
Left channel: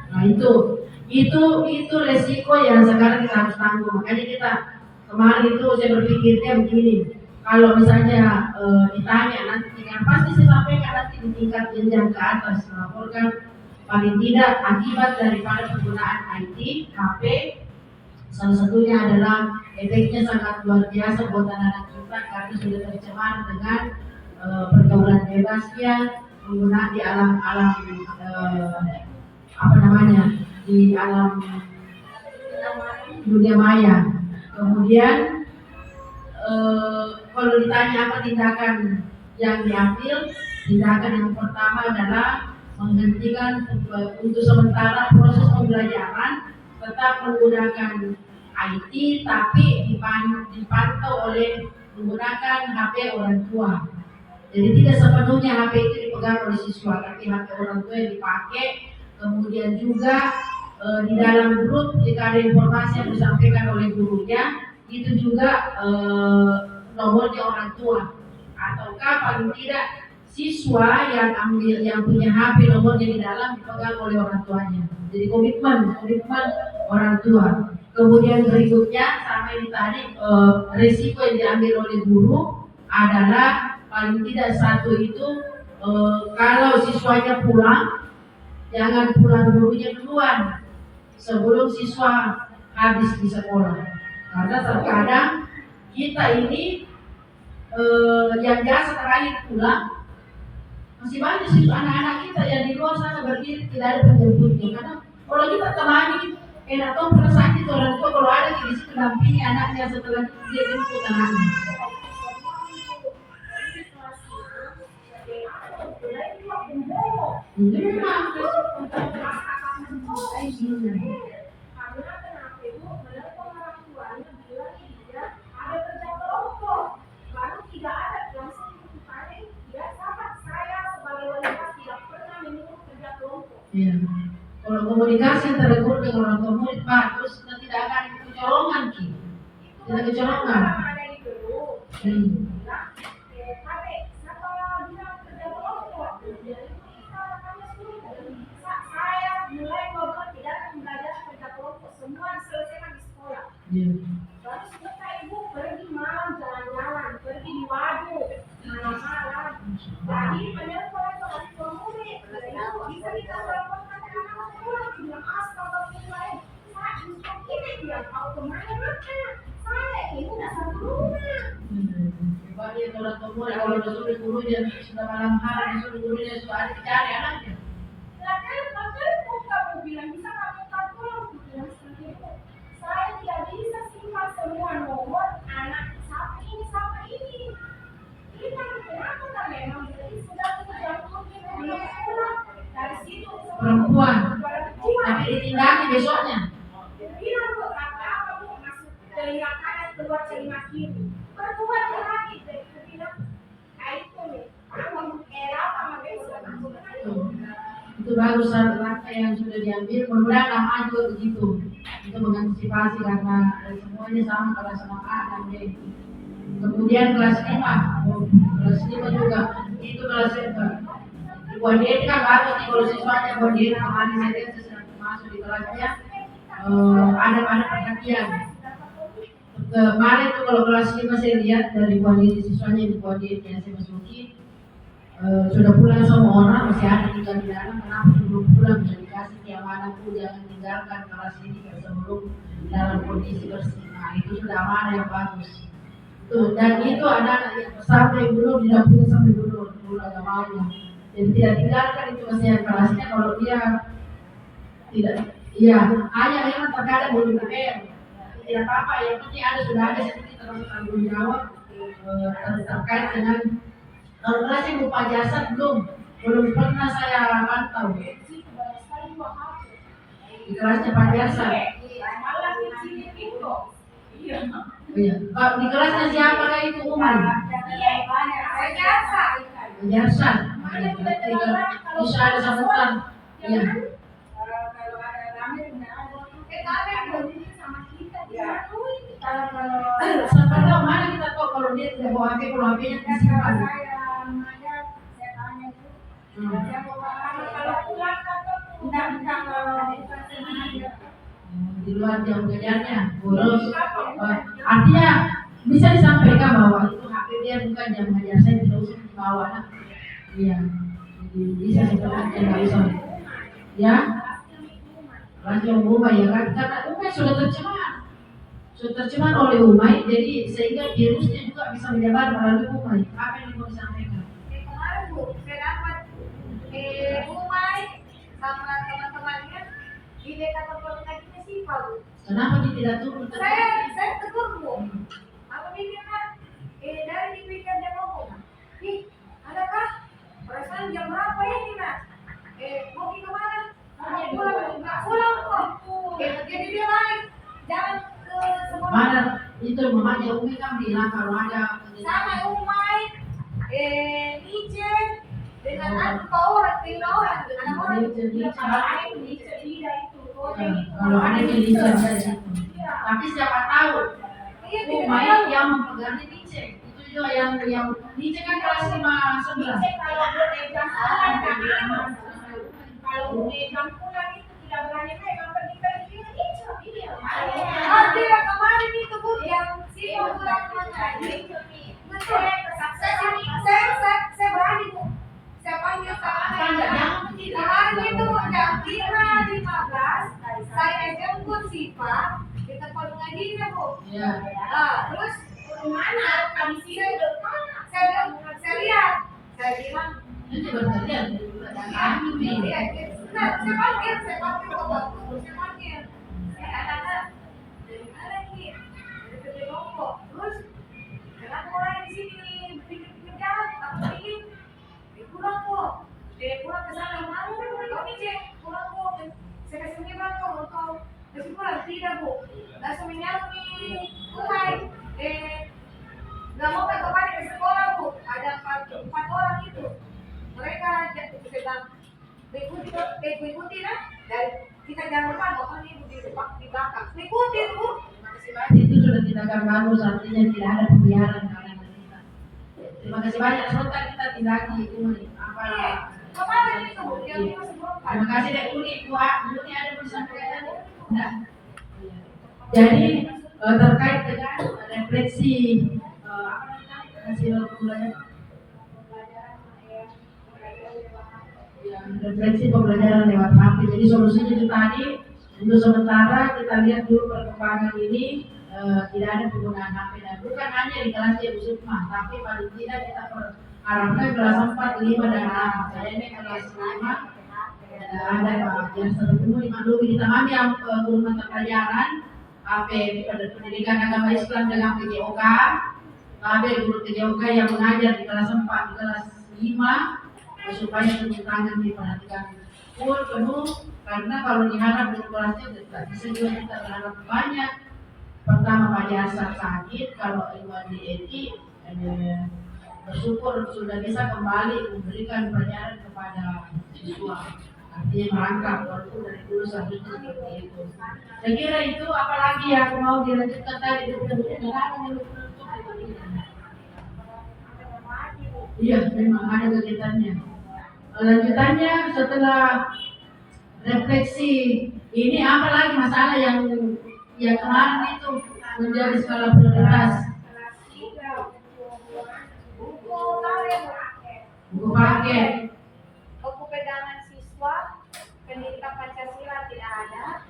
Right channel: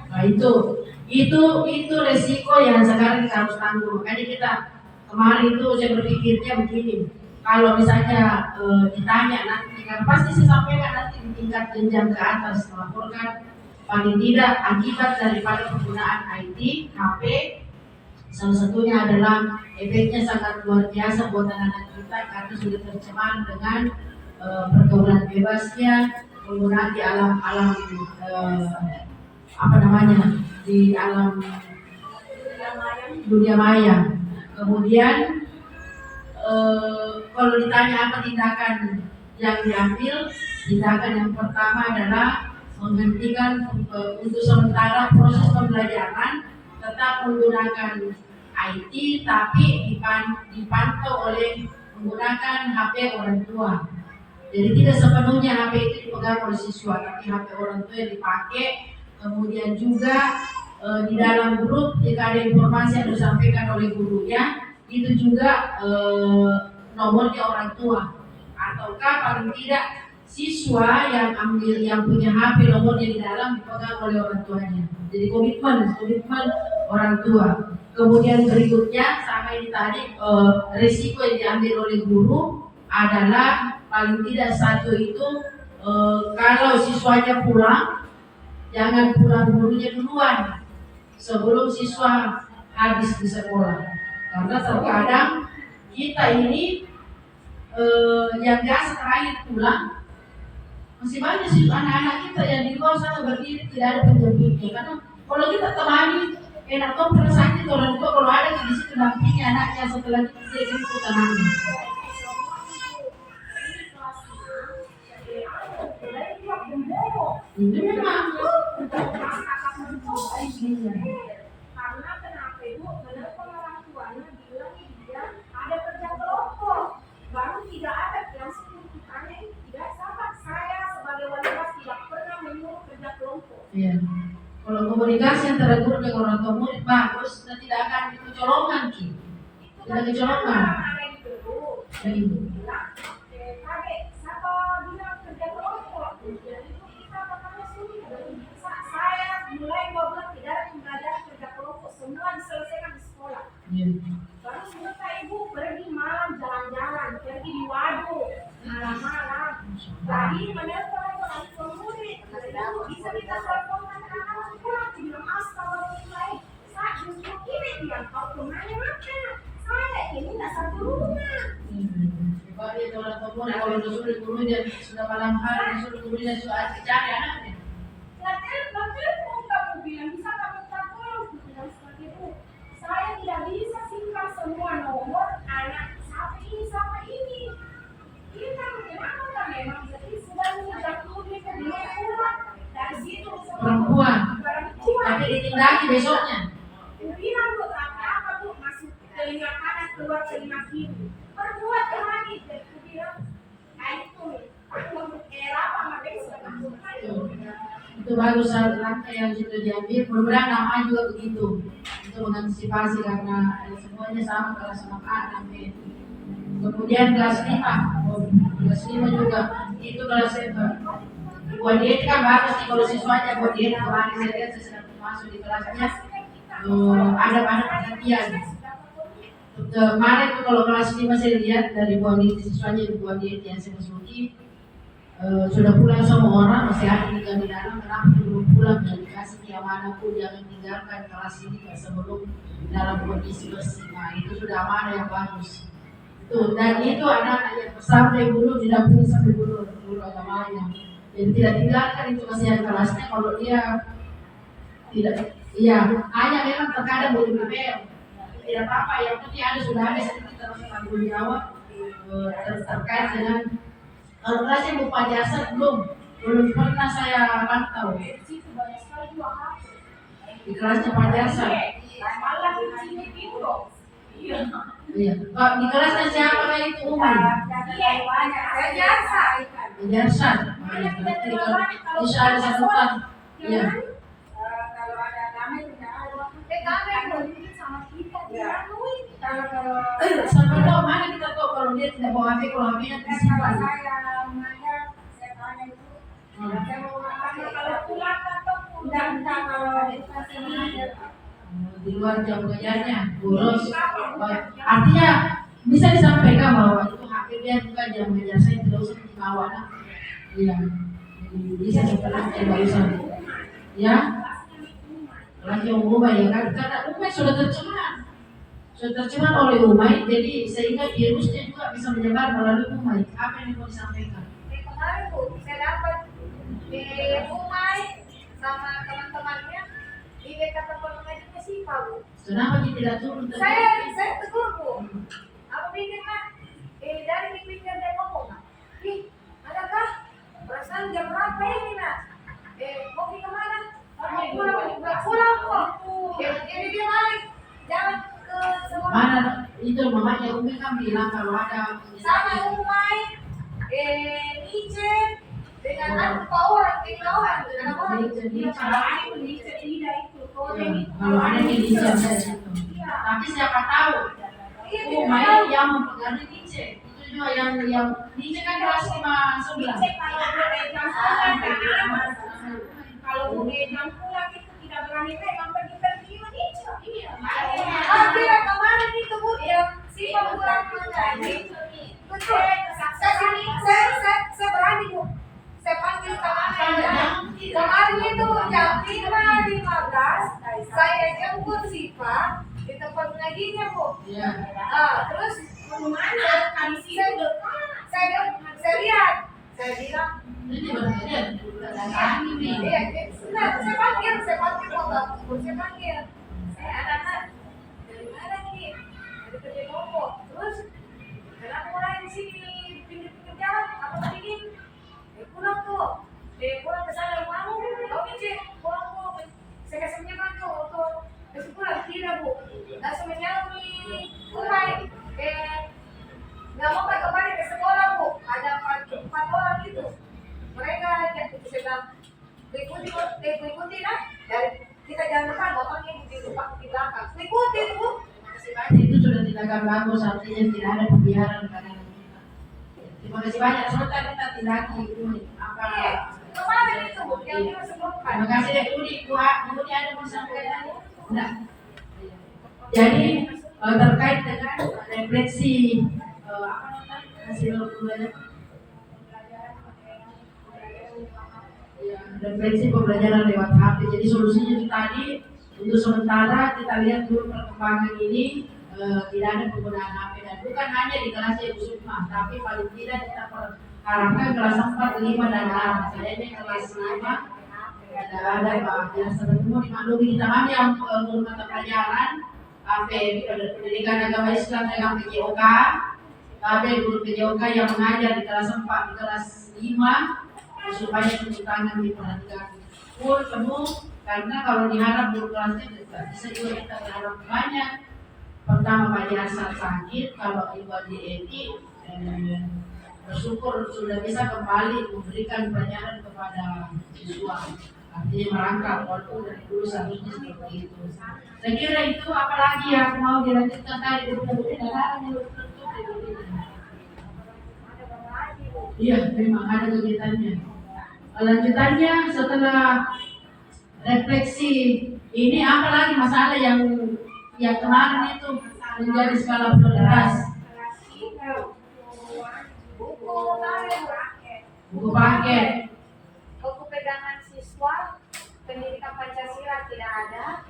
Nah itu resiko yang sekarang kita harus tanggung. Makanya kita kemarin itu saya berpikirnya begini, kalau misalnya ditanya nanti kan pasti saya sampaikan nanti di tingkat jenjang ke atas melaporkan paling tidak akibat daripada penggunaan IT, HP. Salah satunya adalah efeknya sangat luar biasa buat anak-anak kita karena sudah tercemar dengan pergaulan bebasnya, penggunaan di alam-alam di alam dunia maya. Kemudian kalau ditanya apa tindakan yang diambil, tindakan yang pertama adalah menghentikan untuk sementara proses pembelajaran, tetap menggunakan IT tapi dipantau oleh menggunakan HP orang tua. Jadi tidak sepenuhnya HP itu dipegang oleh siswa, tapi HP orang tua yang dipakai. Kemudian juga di dalam grup jika ada informasi yang disampaikan oleh gurunya, itu juga nomornya orang tua, ataukah paling tidak siswa yang punya HP nomornya di dalam dipegang oleh orang tuanya. Jadi komitmen orang tua. Kemudian berikutnya sama ini tadi risiko yang diambil oleh guru adalah paling tidak satu itu kalau siswanya pulang, jangan pulang gurunya duluan sebelum siswa habis di sekolah. Karena terkadang kita ini yang biasa terakhir pulang, masih banyak sih anak-anak kita yang di luar sana berdiri tidak ada penjemputnya. Karena kalau kita temani enak tuh perasaan itu orang tua kalau ada di situ dampingi anaknya setelah dia jemput anaknya. Ini memang karena kenapa ibu menelpon orang tuanya bilang dia ada kerja kelompok baru tidak ada langsung ditanya tidak sahabat saya sebagai wali kelas tidak pernah menyuruh kerja kelompok. Iya. Kalau komunikasi antara guru dengan orang tua murid bagus, dan tidak akan kecolongan tidak kecolongan. Ada di grup bilang kakek siapa bilang kerja kelompok jadi kita makanya suruh saya mulai ngobrol tidak ada pembelajaran kerja kelompok semua diselesaikan di sekolah. Baru selesai ibu pergi malam jalan-jalan pergi di waduk malam-malam lagi menelpon lagi ke murid ibu bisa kita teleponkan ke anak pulang bilang astagfirullahaladzim saya justru ini dia tahu kemana makan saya ini tak satu rumah. Coba dia orang tua murid kalau disuruh gurunya sudah malam hari disuruh gurunya sudah cari anaknya. Bahkan kamu bilang bisa kamu tolong bilang seperti itu. Saya tidak bisa simpan semua nomor anak siapa ini. Kita kenapa kan memang jadi sudah menjatuh dia belum pulang dari situ Perempuan, tapi ditindaki besoknya. Bilang buat apa bu masuk telinga kanan keluar telinga kiri. Perbuat lagi deh. Bilang, itu nih. Apa sama besok aku Itu baru langkah yang sudah diambil. Mudah-mudahan nama juga begitu untuk mengantisipasi karena semuanya sama kelas 6A dan B. Kemudian kelas 5 juga itu kelas buat dia kan bagus nih kalau siswanya buat dia kemarin saya lihat saya sedang masuk di kelasnya ada perhatian. Kemarin tuh kalau kelas 5 saya lihat dari buat dia siswanya di buat dia yang saya masuki sudah pulang semua orang masih ada tinggal di dalam kenapa belum pulang dan dikasih keamanan pun jangan tinggalkan kelas ini sebelum dalam kondisi bersih. Nah itu sudah amanah yang bagus. Tuh, dan itu anak-anak yang sampai guru didampingi sampai guru agamanya. Jadi tidak tinggalkan itu masih ada kelasnya kalau dia tidak. Iya, hanya memang terkadang belum dipel. Tidak apa-apa, yang penting sudah ada sedikit tanggung jawab terkait dengan kalau kelasnya berupa jasa belum pernah saya pantau. Di kelasnya Pak Jasa. malah di sini pintu. Iya. Di kelasnya siapa kah itu Umar? Saya jasa. Jasa. Bisa ada sambutan. Iya. Kalau ada damai tidak ada. Damai berdiri sama kita dia. Sampai tahu mana kita tahu kalau dia tidak bawa HP, kalau HP-nya disimpan. Saya tanya itu. Kalau pulang atau tidak kalau di luar jam kerjanya boros. Artinya bisa disampaikan bahwa itu HP dia bukan jam mengajar saya, tidak usah dibawa anak. Iya, jadi bisa seperti tidak usah. Ya, lagi Umay ya kan, karena Umay sudah tercemar oleh Umay, jadi sehingga virusnya juga bisa menyebar melalui Umay. Apa yang mau disampaikan? Kemarin Bu, saya dapat Umay sama teman-temannya di dekat tempat ngajinya Sipa Bu. Kenapa kita tidak turun? Saya tegur Bu. Apa pikir nak? Dari dipikir dia ngomong. Ih, adakah perasaan jam berapa ini nak? Mau pergi kemana? Pulang kok. Jadi dia balik. Jangan ke sekolah. Mana itu mamanya Umi kan bilang kalau ada Sama Umay, Nice, dengan apa orang, 3 orang, dengan orang. kalau ada di Lice ada di situ. Tapi siapa tahu Iya, tidak Umay tahu. yang mempengaruhi Lice. Itu juga yang Lice kan kelas 5 Kalau jam pulang itu tidak berani pegang pergi-pergi iya. Tidak, kemarin itu Bu, yang Sipa pulang mengaji. Betul. Saya berani Bu. Saya panggil kemarin itu jam 5.15 saya jemput Sipa di tempat mengajinya Bu. Iya. Terus Mana kami sini saya lihat, saya bilang, Itu berarti iya, benar, saya panggil bapak, saya panggil, saya anak-anak dari mana nih, dari kerja kelompok, terus kenapa orang di sini pinggir-pinggir jalan, apa ingin, pulang kok, pulang ke sana mau, oke cek, pulang kok, saya kasih menyebab tuh untuk kasih pulang, tidak Bu, langsung menyalur nih, Umay, nggak mau kembali ke sekolah Bu, ada 4 orang itu, mereka sedang ikuti nah, dari kita jangan lupa motornya di belakang, ikuti Bu. Terima kasih banyak, itu sudah tindakan bagus, artinya tidak ada pembiaran karena kita. Terima kasih banyak, sebentar kita tindaki Umi. Kemarin itu Bu, yang kita sebutkan. Terima kasih deh Uni, Bu ada mau disampaikan? Enggak. Jadi terkait dengan refleksi hasil pembelajaran. Ya, refleksi pembelajaran lewat HP. Jadi solusinya itu tadi, untuk sementara kita lihat dulu perkembangan ini tidak ada penggunaan HP dan bukan hanya di kelas Ibu Sukma, tapi paling tidak kita harapkan kelas 4, 5 dan 6. Saya ini kelas 5 tidak ada Pak. Yang sebelumnya dimaklumi kita kami yang guru mata pelajaran pendidikan agama Islam dengan PJOK. Ada guru PJOK yang mengajar di kelas 4, di kelas 5 supaya turun tangan diperhatikan full penuh, karena kalau diharap guru kelasnya tidak bisa juga kita berharap banyak. Pertama Pak Jasar sakit, kalau Ibu Edi bersyukur sudah bisa kembali memberikan pelajaran kepada siswa, artinya merangkap walaupun dari dulu seharusnya seperti itu. Saya kira itu, apalagi yang mau dilanjutkan tadi iya memang ada kegiatannya. Lanjutannya setelah refleksi ini apa lagi masalah yang kemarin itu menjadi skala prioritas? Buku paket. Buku pegangan siswa pendidikan Pancasila tidak ada.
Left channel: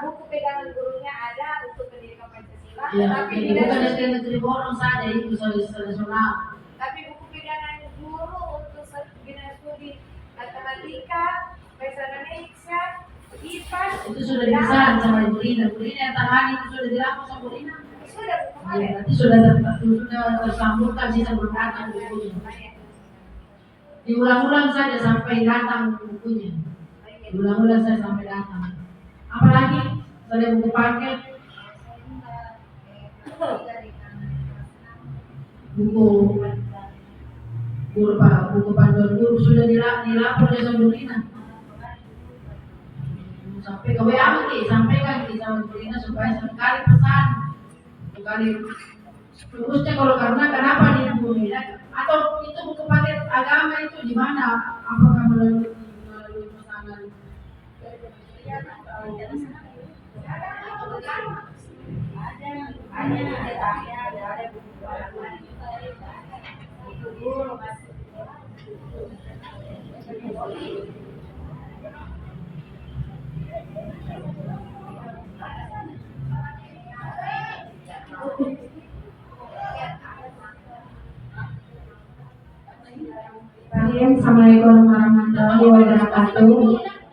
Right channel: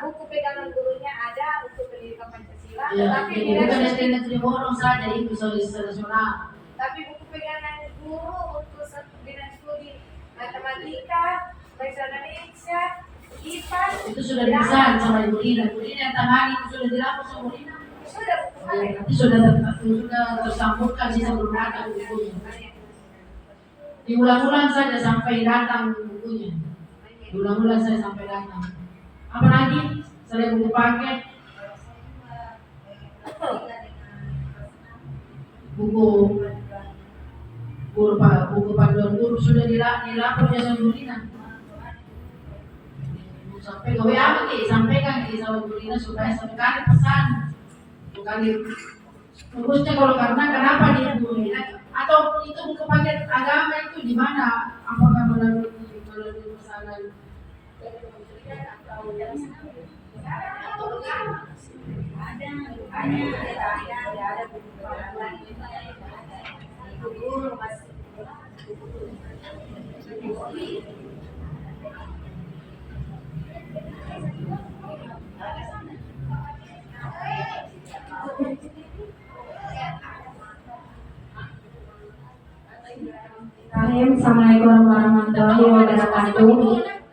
Buku pegangan gurunya ada untuk pendidikan Pancasila, Ya, tapi jadi tidak bukan SD Negeri Borong saja itu nasional. tapi buku pegangan guru untuk bidang studi matematika, bahasa Indonesia, IPA Itu sudah dipesan sama Ibu Rina. Ibu Rina yang tangani itu sudah dilakukan sama Ibu Rina. sudah buku Ya, paket. nanti sudah tersambungkan sisa belum datang bukunya. Diulang-ulang saja sampai datang bukunya. Diulang-ulang saja sampai datang. Apalagi selain buku paket, buku panduan guru sudah dilapor ya sama Bu Rina. Sampai ke WA sampaikan sama Bu Rina supaya sekali pesan sekali terusnya kalau karena kenapa di Bu Rina atau itu buku paket agama itu di mana? Apakah melalui pesanan dari kementerian atau ada buku panduan. Itu dulu masih. Assalamualaikum warahmatullahi wabarakatuh.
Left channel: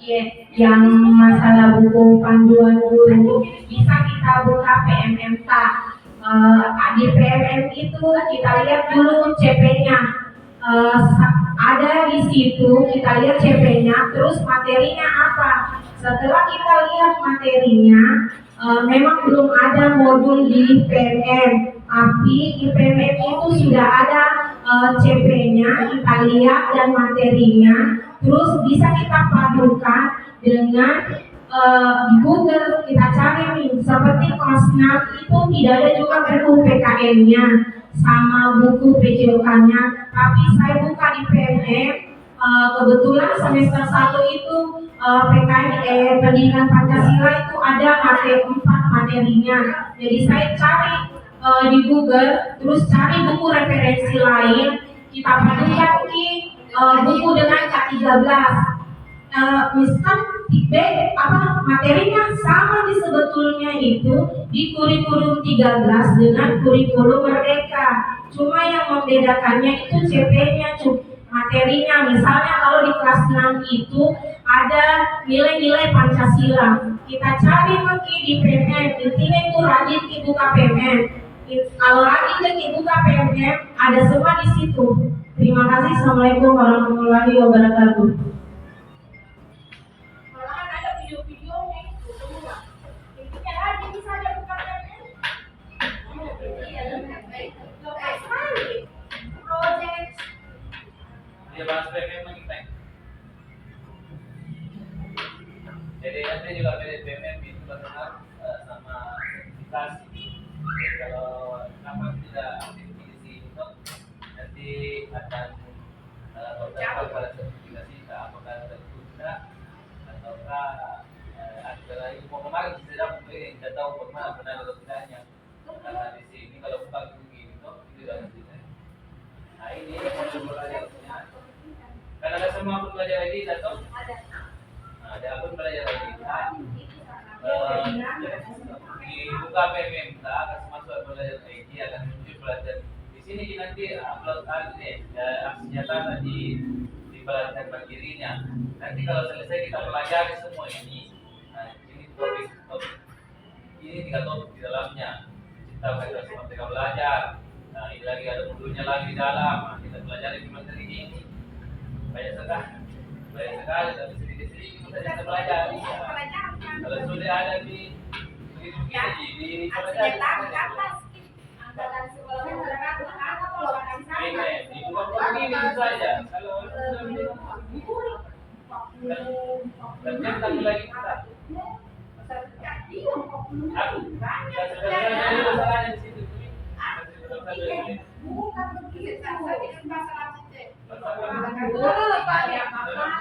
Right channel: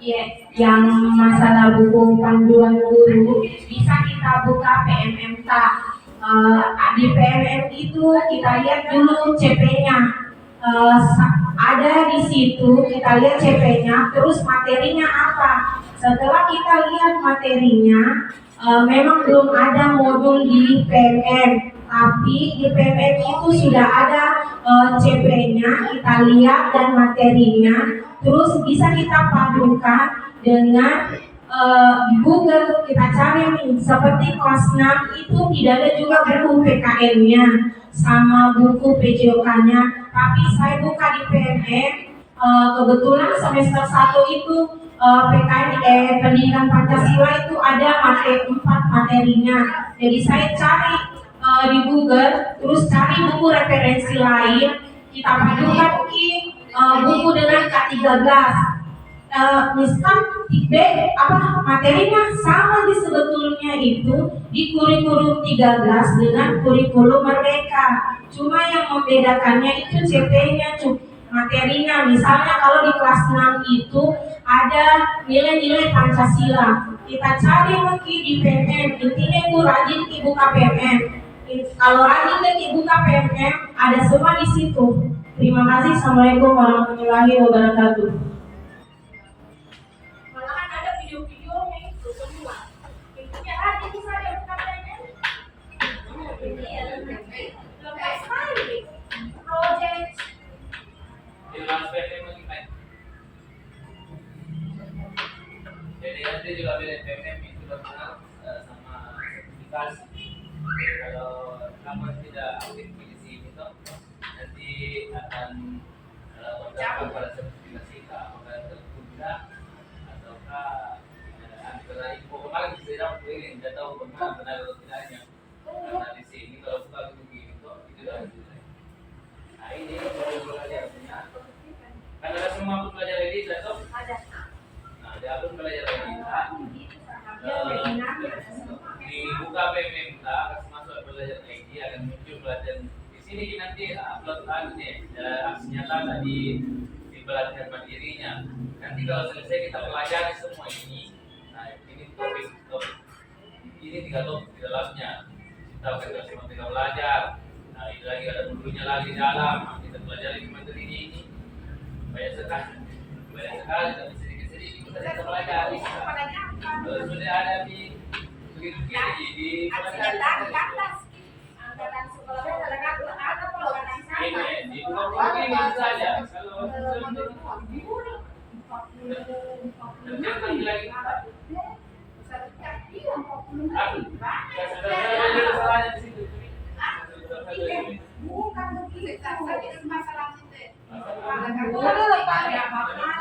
Ya, yang masalah buku panduan guru bisa kita buka PMMK. Di PMM itu kita lihat dulu CP-nya. Ada di situ kita lihat CP-nya, terus materinya apa. Setelah kita lihat materinya, memang belum ada modul di PMM, tapi di PMM itu sudah ada CP-nya, kita lihat dan materinya, terus bisa kita padukan dengan di Google. Kita cari nih, seperti kelas 6 itu tidak ada juga buku PKN-nya sama buku PJOK-nya, tapi saya buka di PMM. Kebetulan semester 1 itu PKN pendidikan Pancasila itu ada materi 4 materinya. Jadi saya cari di Google, terus cari buku referensi lain, kita padukan di buku dengan K13. Misal materinya sama di sebetulnya itu di kurikulum 13 dengan kurikulum Merdeka. Cuma yang membedakannya itu CP-nya, materinya. Misalnya kalau di kelas 6 itu ada nilai-nilai Pancasila. Kita cari lagi di PMM, intinya itu rajin buka PMM. Kalau rajin lagi buka PMM, ada semua di situ. Terima kasih. Assalamualaikum warahmatullahi wabarakatuh. Malahan ada video-videonya itu semua. Intinya rajin saja buka PMM. Lepas sekali. Project. Dia bahas PMM lagi, Pak. Jadi nanti juga beda PMM itu benar sama sertifikasi. Jadi kalau kamu tidak aktif di sini toh, nanti akan berdampak pada sertifikasi apakah tertunda ataukah antara info kemarin bisa dapat ini tidak tahu bagaimana benar atau tidaknya. Karena di sini kalau buka begini toh itu sudah selesai. Nah ini modul belajarnya. Karena ada semua akun belajar ID atau ada. Nah, ada akun belajar ID. Dibuka PMMK akan masuk belajar ID akan muncul pelajaran di sini nanti upload aksi nyata tadi di pelatihan mandirinya. Nanti kalau selesai kita pelajari semua ini. Nah ini topik ini 3 topik di dalamnya. Kita akan semua kita belajar. Nah ini lagi ada modulnya lagi di dalam. Kita pelajari materi ini. Banyak sekali tapi sedikit-sedikit kita pelajari. Kalau sudah ada di begitu di Angkatan sekolah ada pelajaran sama. ini di ini saja. Kalau ternyata lagi kita. Aku sebenarnya masalahnya di situ. Bukan begitu. Masalah itu. Dulu Pak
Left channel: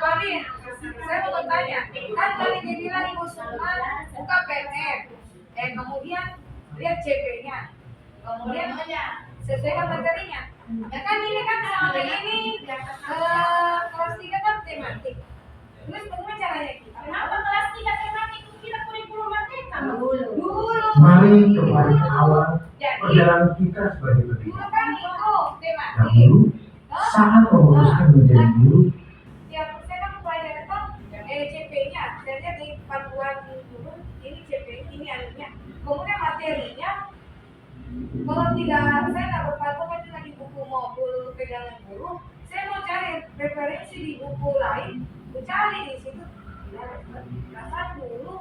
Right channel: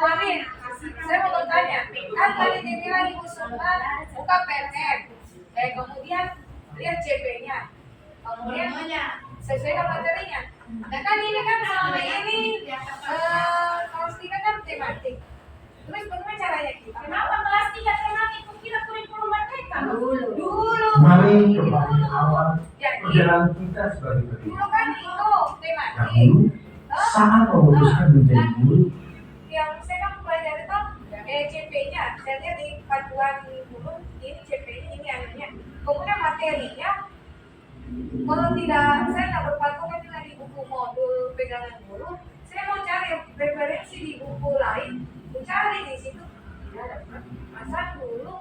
Amin, saya mau bertanya, kan tadi dibilang Ibu Sumar buka PMM, kemudian lihat CP-nya, kemudian sesuaikan materinya. Nah kan ini kan selama ini kelas 3 kan tematik. Terus bagaimana caranya kita? Kenapa kelas 3 tematik kita kurikulum Merdeka? Dulu. Mari kembali ke awal perjalanan kita sebagai pendidik. Dulu kan itu tematik. Dahulu saat memutuskan menjadi guru, Yang saya kan belajar itu CP-nya, saya lihat di panduan guru ini CP-nya, ini anunya. Kemudian materinya, kalau tidak saya nggak berpatokan dengan di buku modul pegangan guru, saya mau cari referensi di buku lain, saya cari di situ tidak dapat. Asal dulu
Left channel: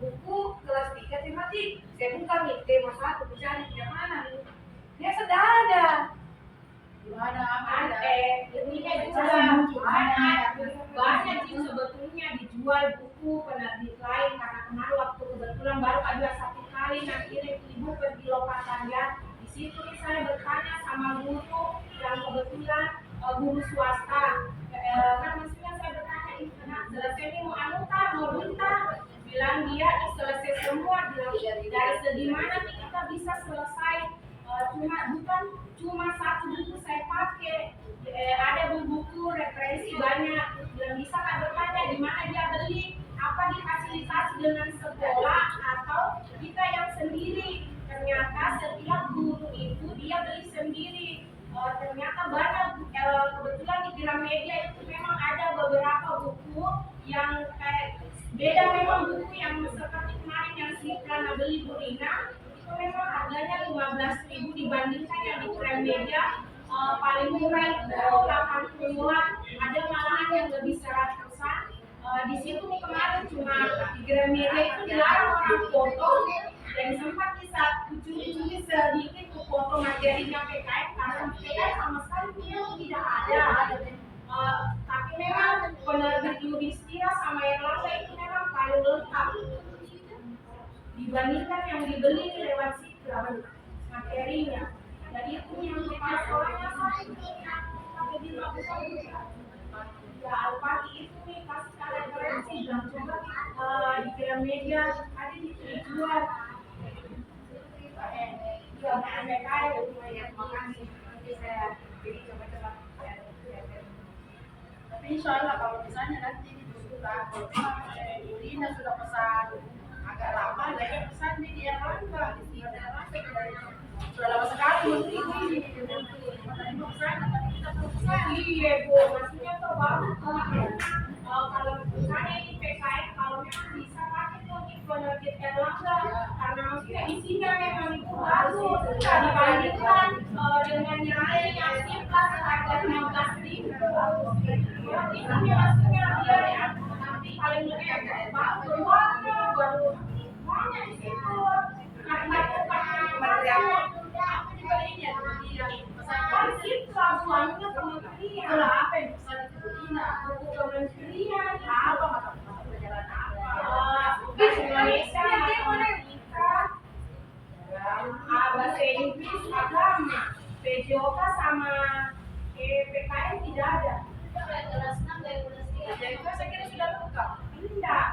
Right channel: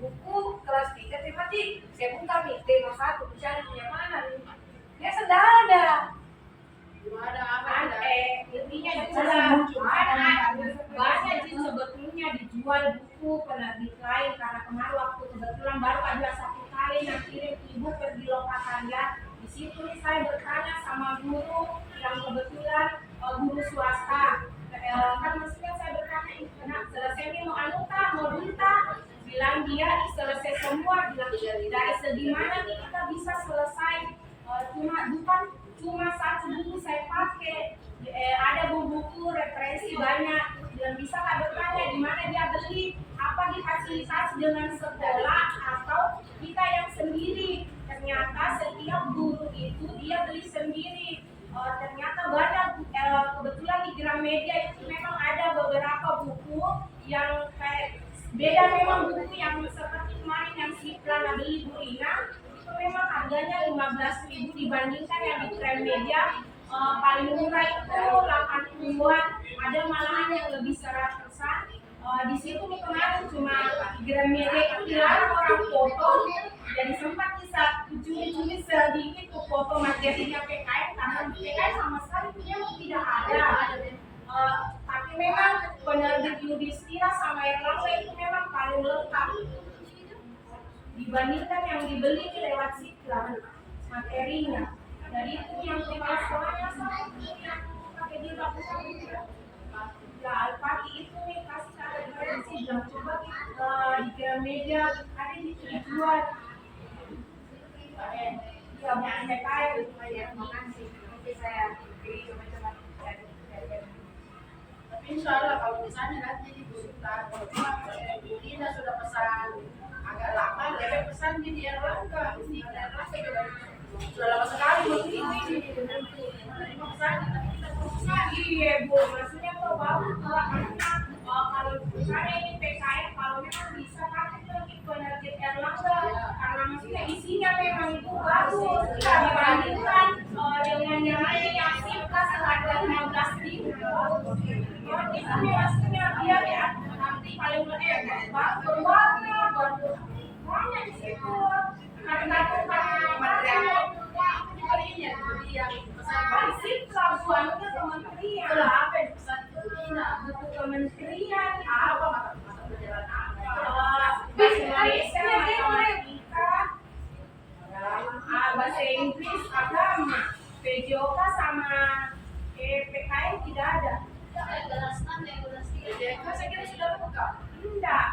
buku kelas 3 tematik, saya buka nih tema 1, mencari yang mana nih, dia sudah ada. Banyak sih sebetulnya dijual buku penerbit lain, karena kemarin waktu kebetulan baru ada 1 kali nak kirim ibu pergi Lokatan ya. Di situ saya bertanya sama guru yang kebetulan guru swasta. Kan maksudnya saya bertanya, nah selesai ini mau anu kah, mau dunta? Bilang dia selesai semua, bilang dari segi mana fasilitas dengan sekolah atau kita yang sendiri. Ternyata setiap guru itu dia beli sendiri. Ternyata banyak, kebetulan di Gramedia itu memang ada beberapa buku yang kayak beda, memang buku yang seperti kemarin yang si Prana beli Bu Rina itu memang harganya 15.000 dibandingkan yang di Gramedia paling murah itu 80-an, ada malahan yang lebih 100-an. Di situ nih kemarin cuma di Gramedia itu dilarang orang foto, jadi sempat bisa curi-curi sedikit tuh foto materinya PKN karena PKN sama sekali memang tidak ada. Tapi memang penerbit Yudhistira sama Erlangga itu memang paling lengkap dibandingkan yang dibeli lewat Siklam materinya. Jadi itu yang kepala sekolahnya saya yang pakai di lakukan ya Al-Fatih itu nih kasih referensi dan coba di Gramedia ada dijual. Ya PKN makasih nanti saya beli coba-coba. Tapi insya Allah kalau misalnya nanti dibutuhkan, kalau memang Bu Rina sudah pesan agak lama, mereka pesan di Erlangga, di Erlangga sudah lama sekali begitu ini. Menerima pesanan, tapi kita perlu pesan. Iya Bu, maksudnya tuh bagus kalau misalnya ini PKN kalau memang bisa pakai tuh di penerbit Erlangga karena maksudnya isinya memang itu bagus dibandingkan dengan yang lain yang Siklas harga 15.000. Itu maksudnya dia ya nanti paling bagus warna baru warna di situ karena Dibelinya dia pesan Siklas warnanya kementerian. lah apa yang pesan itu Bu Rina? Buku kementerian Apa mata pelajaran apa? Indonesia matematika, bahasa Inggris agama, PJOK sama PKN tidak ada. Kelas 6 dan kelas 3. Jadi itu saya kira sudah lengkap. Tidak.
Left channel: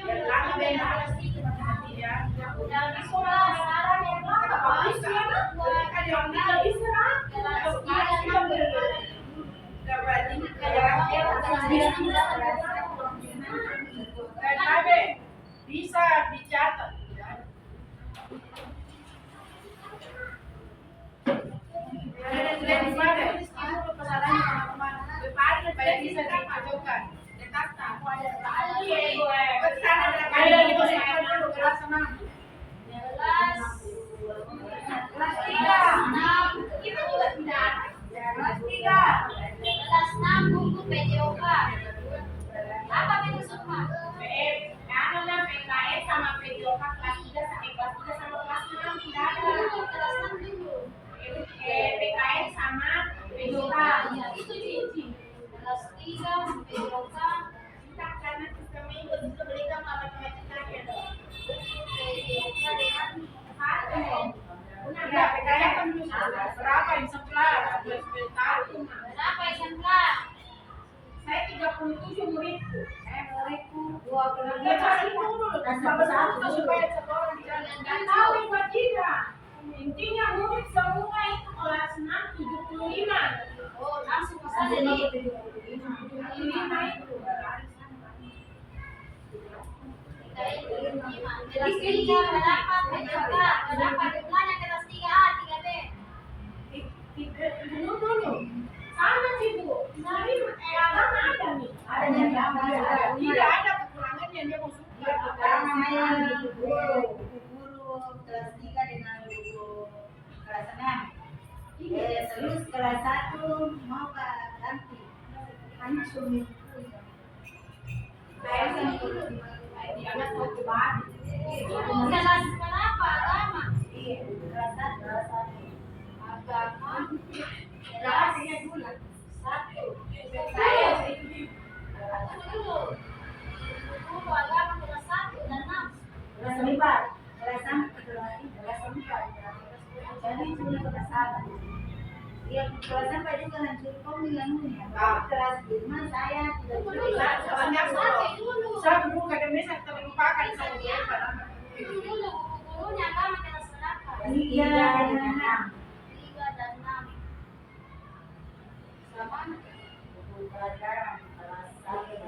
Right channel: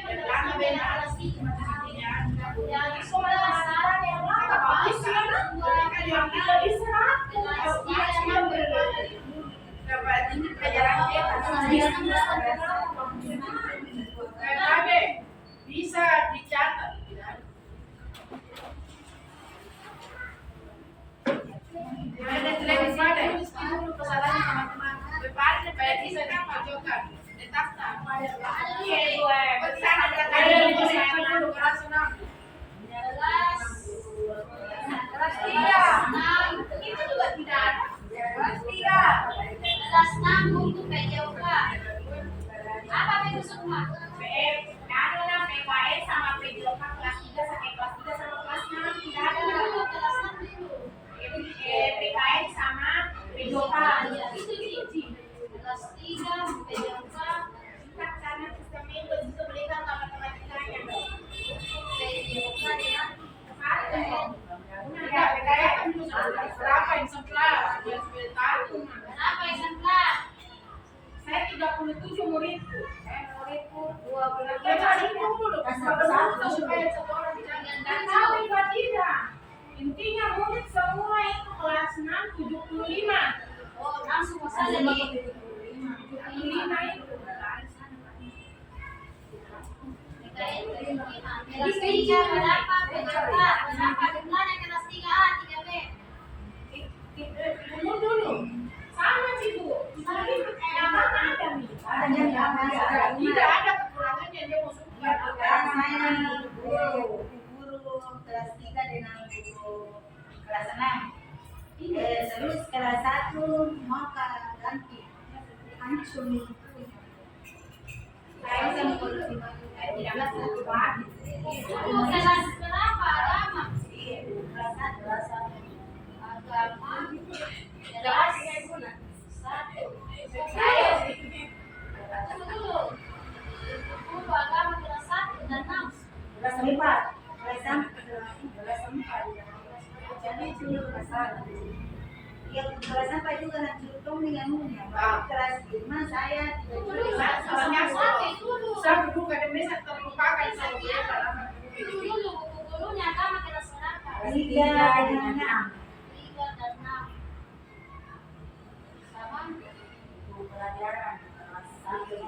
Karena beda kelas 3. Yang di sekolah saran yang lengkap habis ya. Yang tidak diserap. PKB bisa dicatat. Ada jelek di mana? Dulu pesanannya teman-teman. Beparin supaya bisa dipajokan. Letakkan. Iya gue. Pesanan ada di posisi dulu kelas 6. Kelas 3. Itu juga tidak ada. Kelas 3. Kelas 6 buku PJOK. Apa itu semua? PKN sama PJOK kelas 3 sampai kelas 3 sama kelas 6 tidak ada. Kelas 6 dulu. PKN sama PJOK. Ya, itu sih. Kelas 3 PJOK. Kita karena sistemnya itu bisa berikan sama matematikanya. PJOK dengan Satu. Enggak, PKN kan dulu berapa exemplar? Biar supaya tahu. berapa exemplar? Saya 37 muridku. Muridku 25. Cari dulu. Satu supaya satu orang dijaga. Dan tahu Ibu tidak. Intinya murid semua itu kelas 6 75. Oh, langsung saja nih. 75 itu. Kelas 3 berapa PJOK? Berapa jumlahnya kelas 3A, 3B? Tunggu dulu. Sama sih Bu. Tapi agama ada nih. Tidak ada kekurangannya dia mau suka. Sekarang saya guru kelas 3 dengan guru kelas 6. Terus kelas 1 mau ganti hancur itu. Saya sama guru tidak ada satu banget. Kelas berapa agama? Iya, kelas 1. Agama Kelas kelas 1. Saya dulu. Guru agama kelas 1 dan 6. Kelas 4. Kelas 4. Jadi cuma kelas 1. Yang kelas 4 juga hancur dengan kelas 5 saya tidak Saya buka dan bisa terlupakan sama dia. Itu dulu gurunya agama kelas berapa? 3 dan 6. 3 dan 6. Sama Pelajaran kelas 1.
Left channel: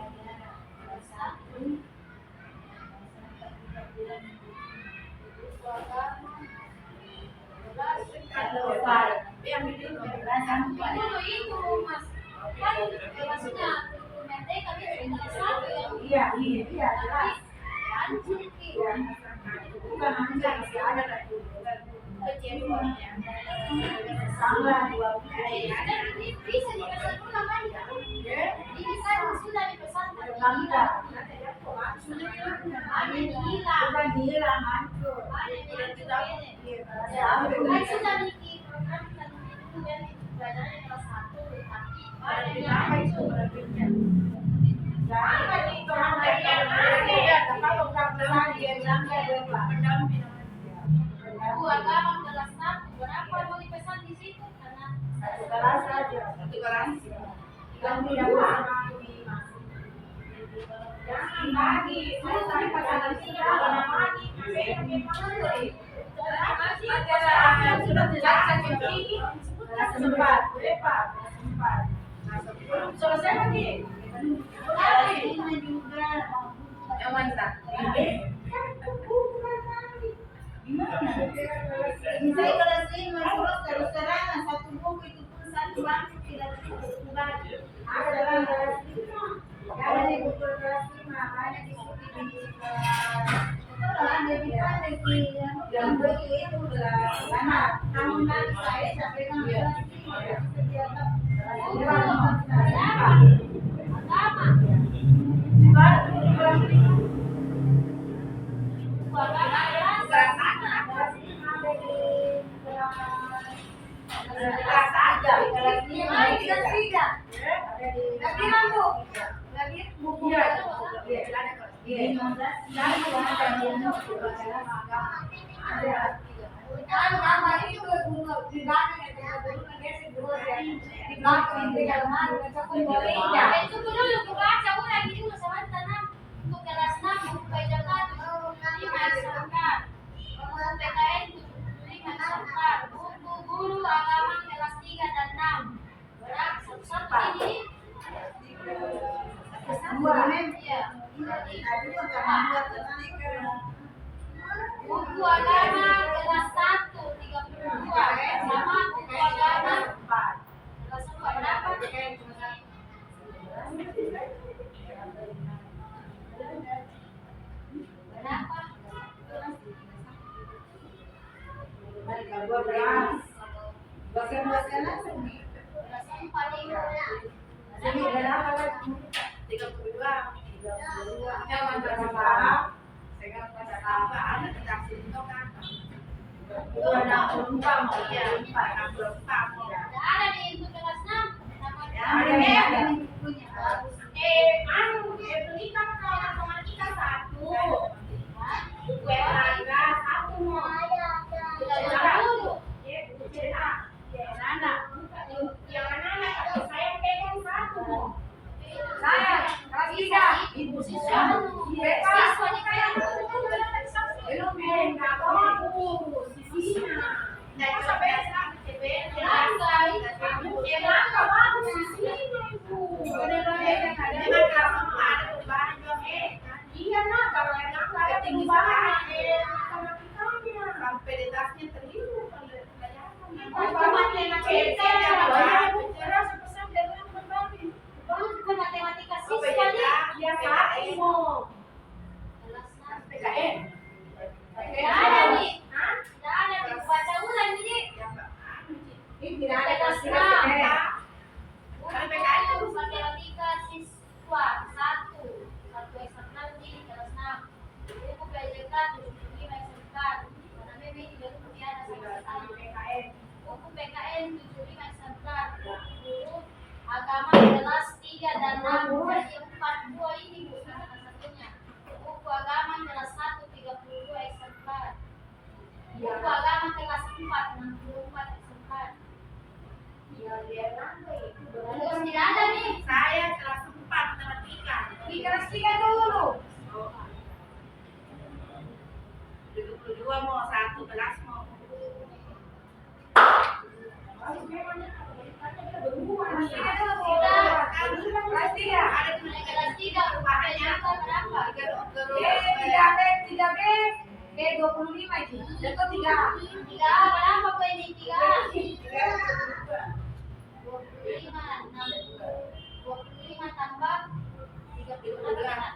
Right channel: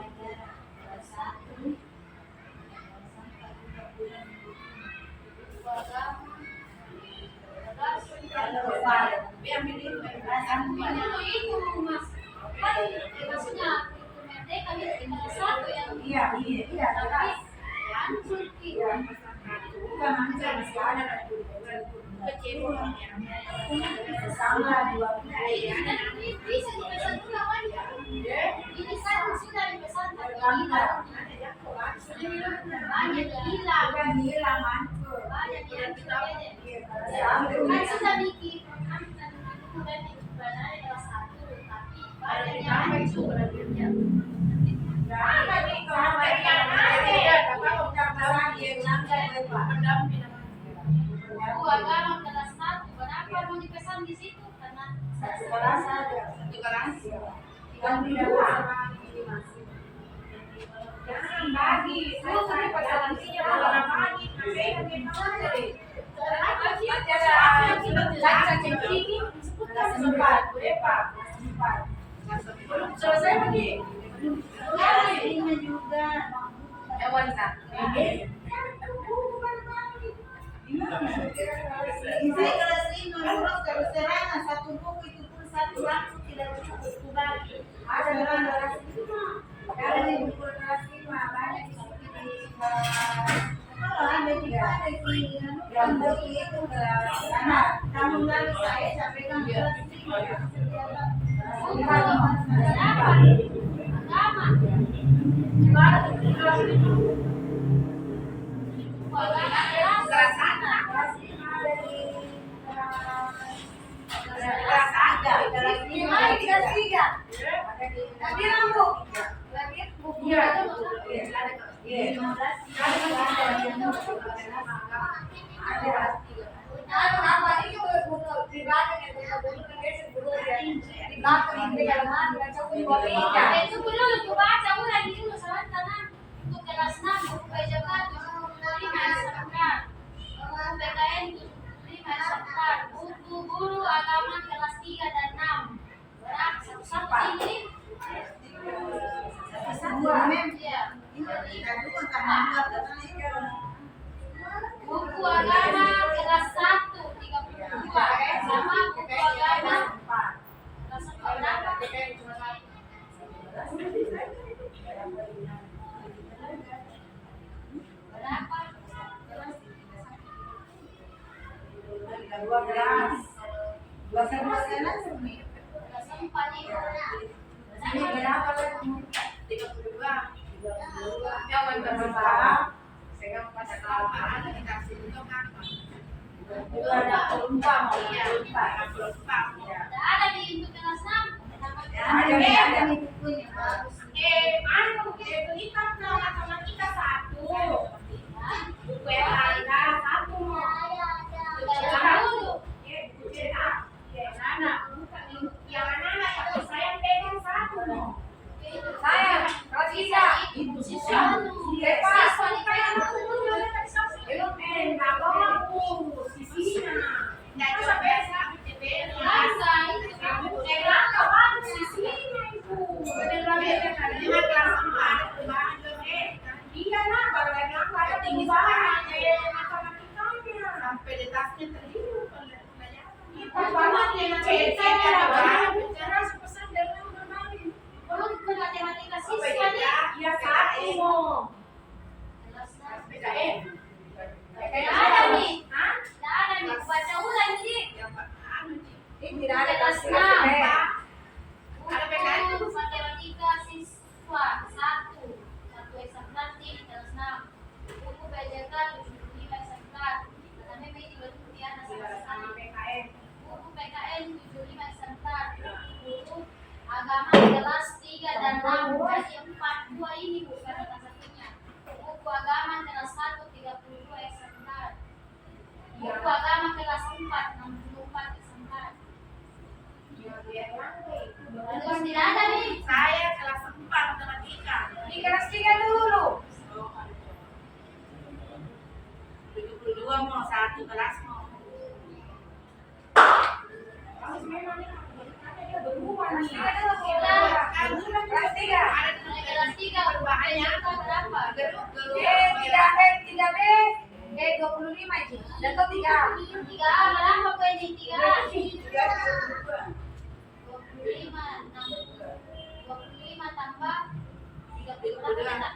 kelas 1. maksudnya merdeka kelas 1 yang Iya, jelas. tapi hancur Ki. Itu bukan hanya masih ada tapi sama dua Dan bisa dipesan ulang kan? Ini kan sudah dipesan tapi hilang. Banyak hilang. bukan hilang hancur. Banyak yang kita Ya, kan sudah bikin kan pelajaran kelas 1 tapi banyak yang hancur. Buku agama kelas 1 berapa mau dipesan di situ karena kelas saja. Dan tidak usah masih. Jangan bagi. Saya sering pasangan ini orang bagi. Selesai lagi. Ini juga. Saya kelas 5 dulu terus terang satu buku itu pun satu bangku tidak cukup bagi. Ada dalam kelas 5. Ada di buku kelas 5 banyak ikuti di kalau ada di mana di yang begitu kelas anak. Namun lalu saya sampaikan kelas 5 itu dulu dibaca ulang dulu sebentar untuk kelas 6 buku PJK 75 SMK buku PKN 75 SMK buku guru agama kelas 3 dan 6 berat satu-satu ini iya buku agama kelas 1 32 sama buku agama kelas 4 berapa? Berapa? Kelas 4 ini. Ada di untuk kelas 6. Ada di bukunya. Agama kelas 3 dan 6 jadi 42 ini bukan salah satunya. Buku agama kelas 1 32 SMK. Buku agama kelas 4 64 SMK. Terus tidak ada nih. Saya kelas 4 matematika. Di kelas 3 dulu. 72 mau satu kelas mau. Kelas 3. Kelas 3 rupanya berapa? 3B 25 itu. Jatuh 3. 3A berapa poin 3A? 25 6 25 tambah 30 berapa kata?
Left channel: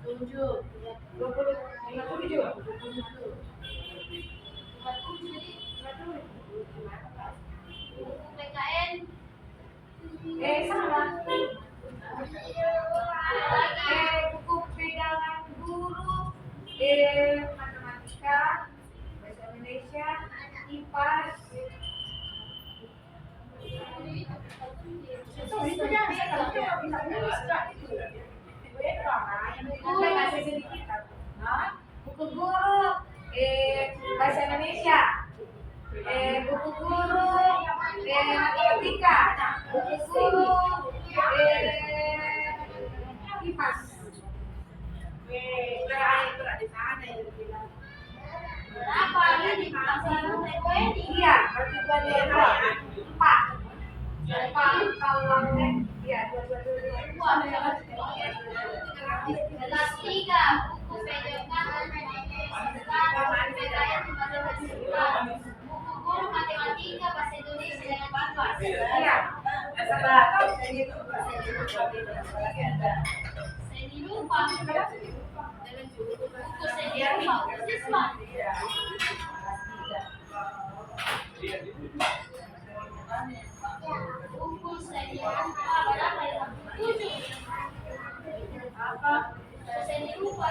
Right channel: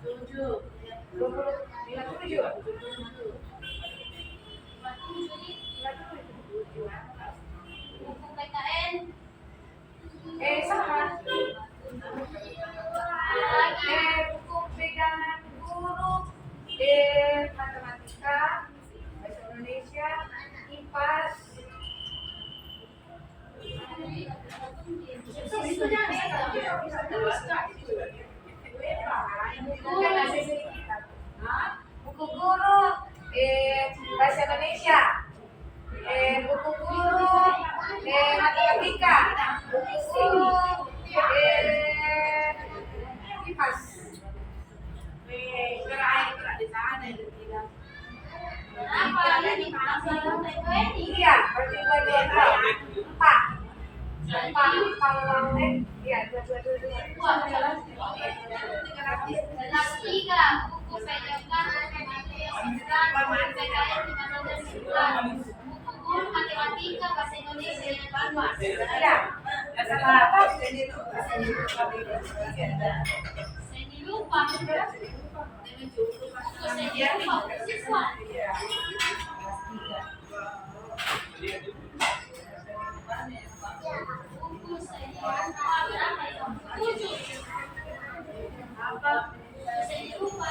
57. Buku PKN Sama. lagi Buku pegangan guru, matematika, bahasa Indonesia, IPA. Itu buku guru, bahasa Indonesia, buku guru, matematika, buku guru, IPAS. berapa ini pasal TPN Iya, berarti 4. Kalau iya 2. kelas 3 buku pegangan PKN 15 buku guru matematika bahasa Indonesia dengan IPAS Iya. Sama apa? seni lupa buku seni lupa untuk siswa buku seni lupa berapa ya 7 Apa? seni lupa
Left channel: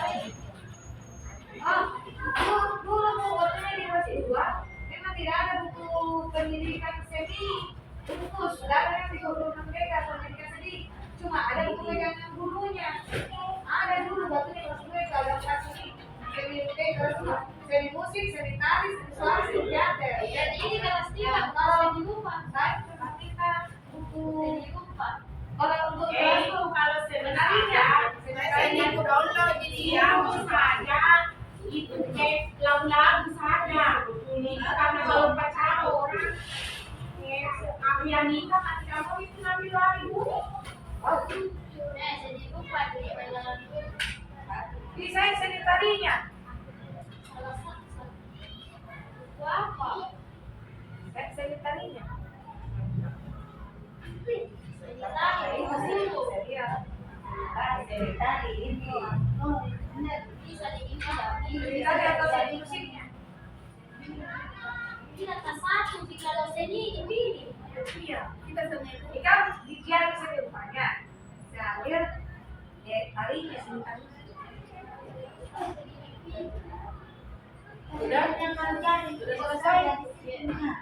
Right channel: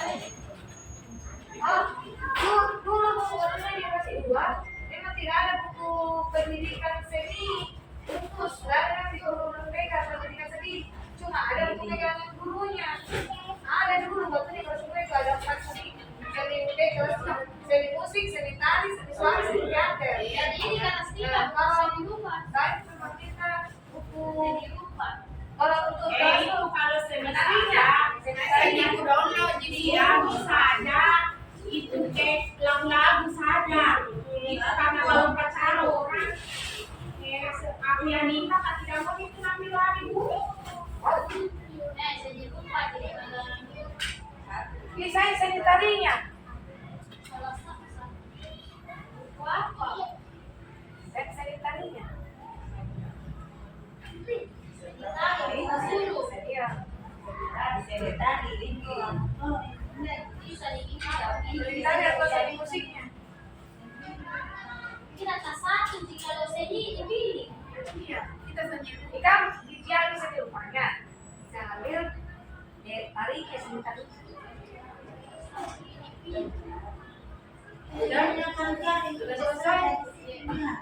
Dulu waktunya dia masih 2, memang tidak ada buku pendidikan seni khusus. Sedangkan di guru pegang pendidikan seni cuma ada buku pegangan gurunya. Ada dulu waktunya kelas 2 itu ada 4 seni musik, seni tari, seni suara, seni teater. jadi ini kelas 3 Nah, kalau seni lupa kan memang kita buku seni lupa kalau untuk kelas Itu kalau menariknya saya itu download jadi anu saja, itu kayak lagu-lagu saja. Itu karena baru pacaran orang. Aku yang minta kasih kamu itu ngambil lari dulu. seni lupa jadi dalam bisa seni tarinya. salah satu apa Seni tarinya. seni tari dulu Iya. bisa dibilang Seni tari atau seni musiknya. kita tak satu jika lo seni dipilih Iya, kita seni. Kita dia itu seni rupanya. Salir, tarinya seni tari. Sudah selesai.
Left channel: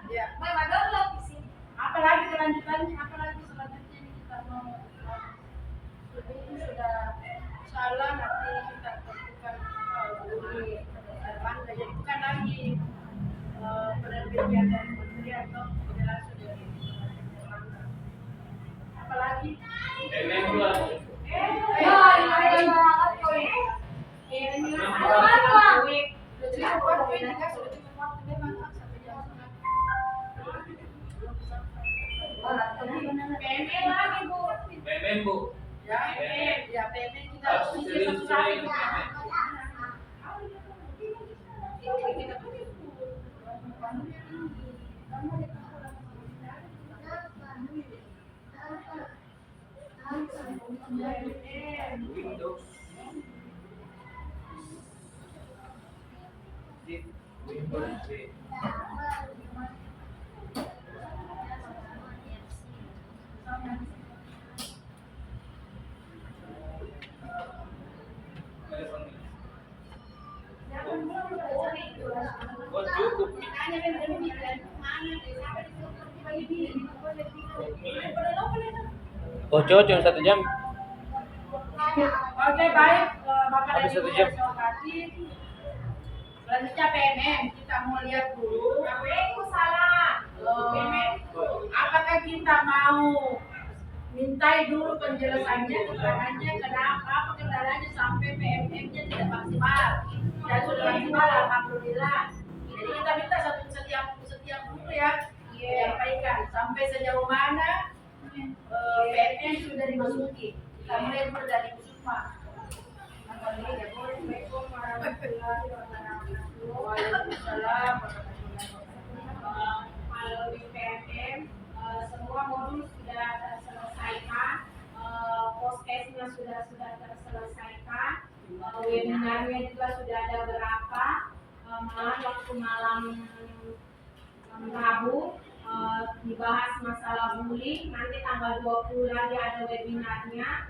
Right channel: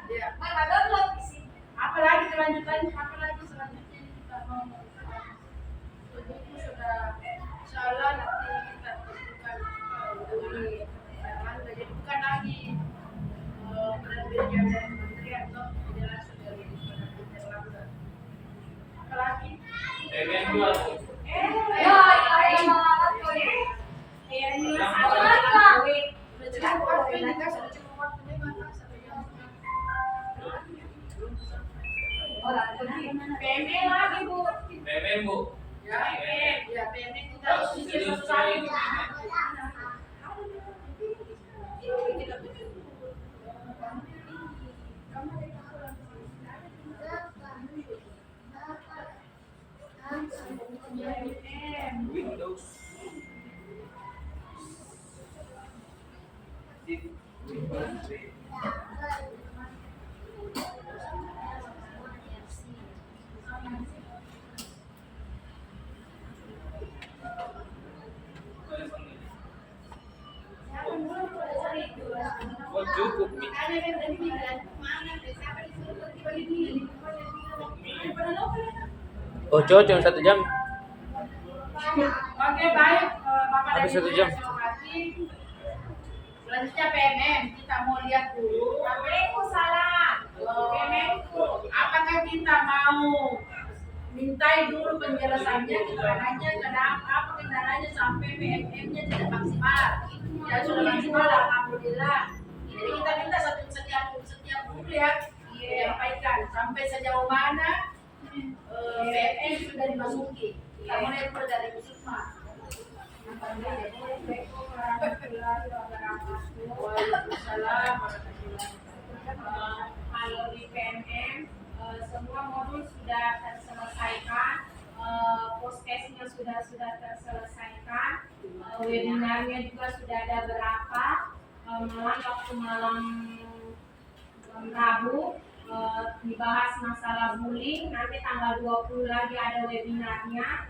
Ya, memang download di sini. Apalagi kelanjutannya, apalagi selanjutnya kita mau buku sudah insyaallah nanti kita tentukan di Erlangga. Jadi bukan lagi penerbitnya dari kementerian atau tidak langsung dari penerbit Erlangga. Apalagi PMM 2. sudah cukup waktu ini kan, sudah cukup waktu memang kan, 1 jam setengah. PME lagi Bu. PMM Bu. Ya, ya PMN kita Harus harus serius satu-satu. sekali. Windows. Windows 3. Oh cukup Mi. Oh cocok 1 jam. Oke, baik. Bapak Habis dan 1 Ibu jam. yang saya hormati, selanjutnya PMM. Kita mau lihat dulu. Aku salah. Apakah kita mau mintai dulu penjelasannya, keterangannya, kenapa, apa kendalanya sampai PMM-nya tidak maksimal. Ya sudah maksimal, alhamdulillah. Jadi kita minta setiap guru ya, menyampaikan sampai sejauh mana PMM sudah dimasuki. Kita mulai dari Bu Sukma. Waalaikumsalam warahmatullahi wabarakatuh. Dalamnya juga sudah ada berapa malam waktu malam Rabu dibahas masalah bullying. Nanti tanggal 20 lagi ada webinarnya.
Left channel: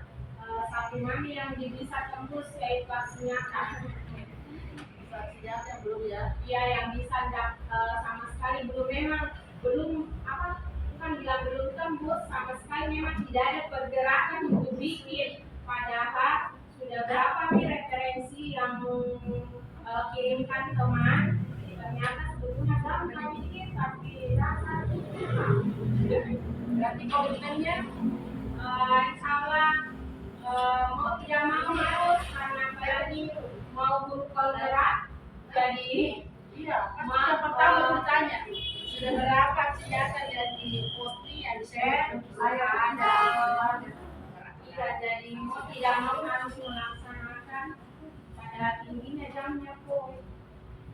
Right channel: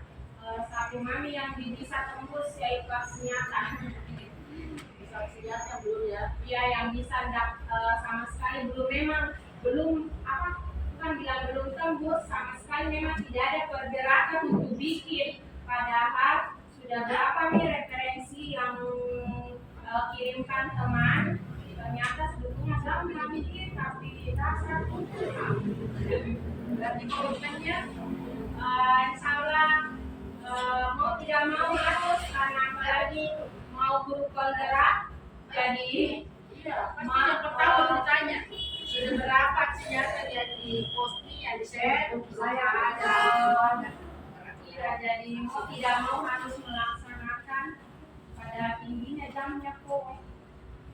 Satu mami yang bisa tembus yaitu aksi nyata. Saksi nyata belum ya? Iya, yang bisa sama sekali belum bukan bilang belum tembus, sama sekali memang tidak ada pergerakan untuk bikin. Padahal sudah berapa nih referensi yang kirimkan teman, ternyata sebetulnya gampang dikit tapi rasa Berarti komitmennya insya Allah mau tidak mau harus, karena apalagi mau guru penggerak. Jadi iya, pasti yang pertama bertanya sudah berapa aksi nyata yang diposting, yang di-share? saya ada jadi mau tidak mau harus melaksanakan pada tingginya jamnya kok.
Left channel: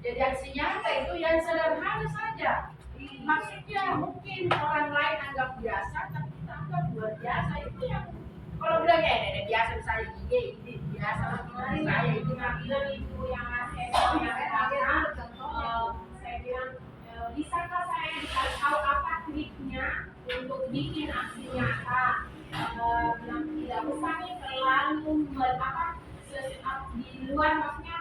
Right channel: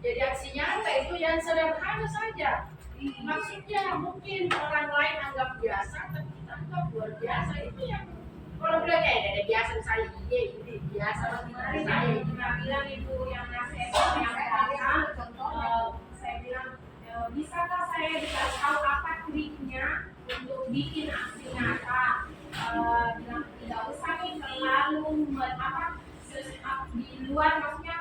Jadi aksi nyata itu yang sederhana saja. Maksudnya mungkin orang lain anggap biasa, tapi kita anggap luar biasa. Itu yang kalau bilang ya biasa saya ini biasa Kemarin saya yang kita bilang ibu yang ngasih yang saya bilang bisakah saya dikasih tahu apa triknya untuk bikin aksi nyata. Bilang tidak usah nih terlalu di luar, maksudnya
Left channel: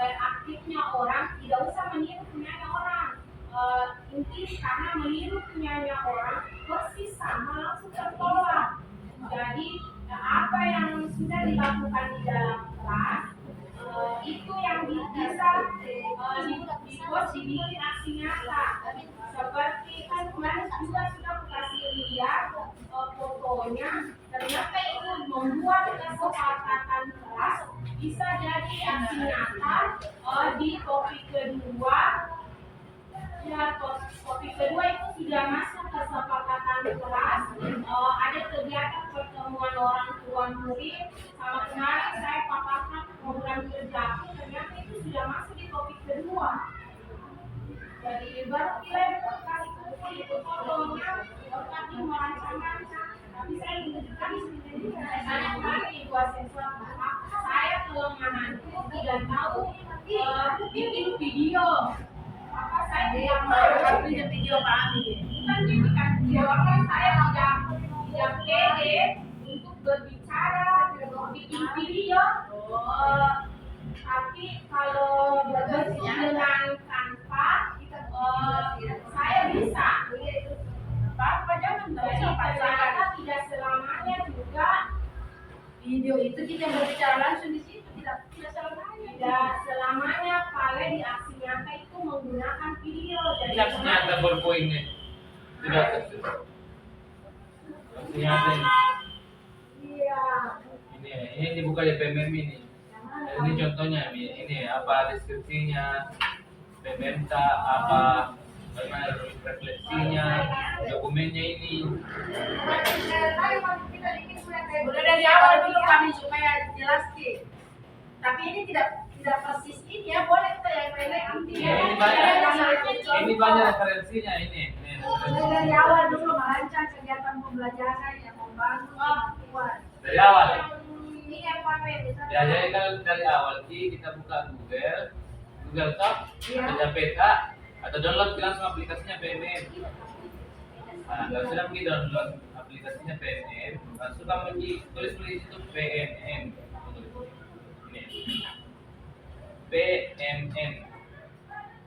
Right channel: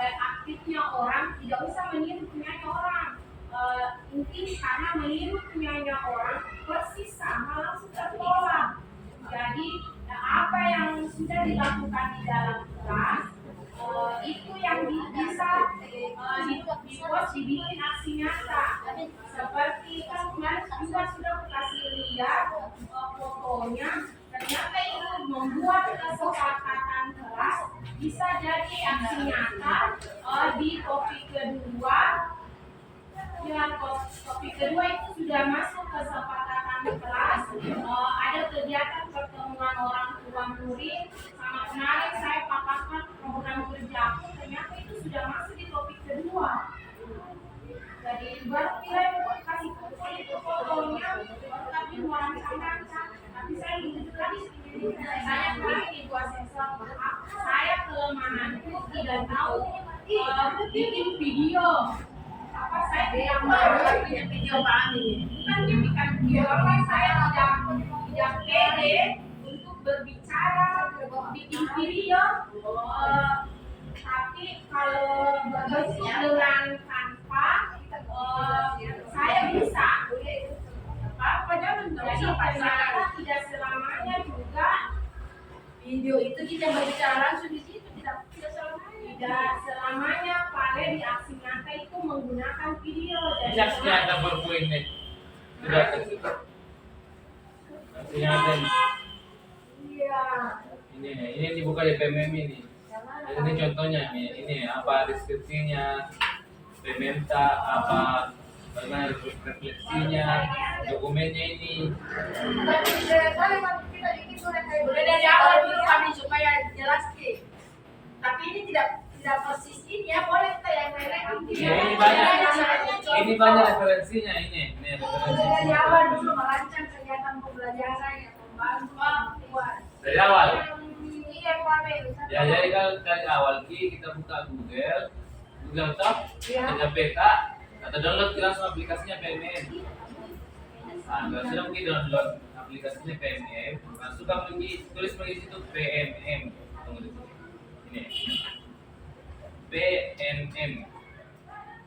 aktifnya orang tidak usah meniru punyanya orang. Inti karena meniru punyanya orang persis sama langsung tertolak. Jadi apa yang sudah dilakukan di dalam kelas itu yang bisa dibikin aksi nyata. Seperti kan kemarin juga sudah kasih lihat fotonya, ternyata itu membuat kesepakatan kelas bisa jadi aksi nyata. Di topik kedua, ya topik kedua itu sudah masuk kesepakatan kelas. Ada kegiatan pertemuan orang tua murid, sama kemarin saya paparkan program kerjaku, ternyata itu sudah masuk di topik kedua. Jadi baru kita kasih kumpul itu fotonya, tapi merancang-rancang. Tapi saya menunjukkan di sini, saya kemarin ibu asesor, saya kelemahanku tidak tahu bikin video. Apa saya tidak mau bikin video kami. bukan bikin video, apa saya tidak pede untuk berbicara, bikin video. Tapi kalau berbentuk dengan tanpa saya bisa. Apa jangan nggak Jadi usah ternyata paksakan. tidak selamanya juga, Video itu kita berbicara langsung di situ tidak selamanya. tidak selamanya kalau di aksi nyata itu menggunakan video. Jadi Ini aksi nyata berpoin nih. Sudah. Aksi nyata ini. iya. Ini dibuka di PMM ini. Ini contohnya ini apa deskripsinya, pemerintah apa refleksinya, dokumennya ini. Udah dari awal dulu kami supaya jelas Ki. Tapi ini tidak persis ini ya, boleh kita yang lain. Ya, ini banyak referensinya ini. Ini Udah referensinya. dari awal dulu merancang kegiatan pembelajaran yang membantu buat. Dari awal. Iya Pak. Ya jadi kalau dari awal kita buka Google Doc, Iya. ada peta, atau download langsung aplikasinya PMM. Nah, kalau sudah pergi download aplikasinya PMM, langsung pergi tulis di situ PMM. Ini PMM.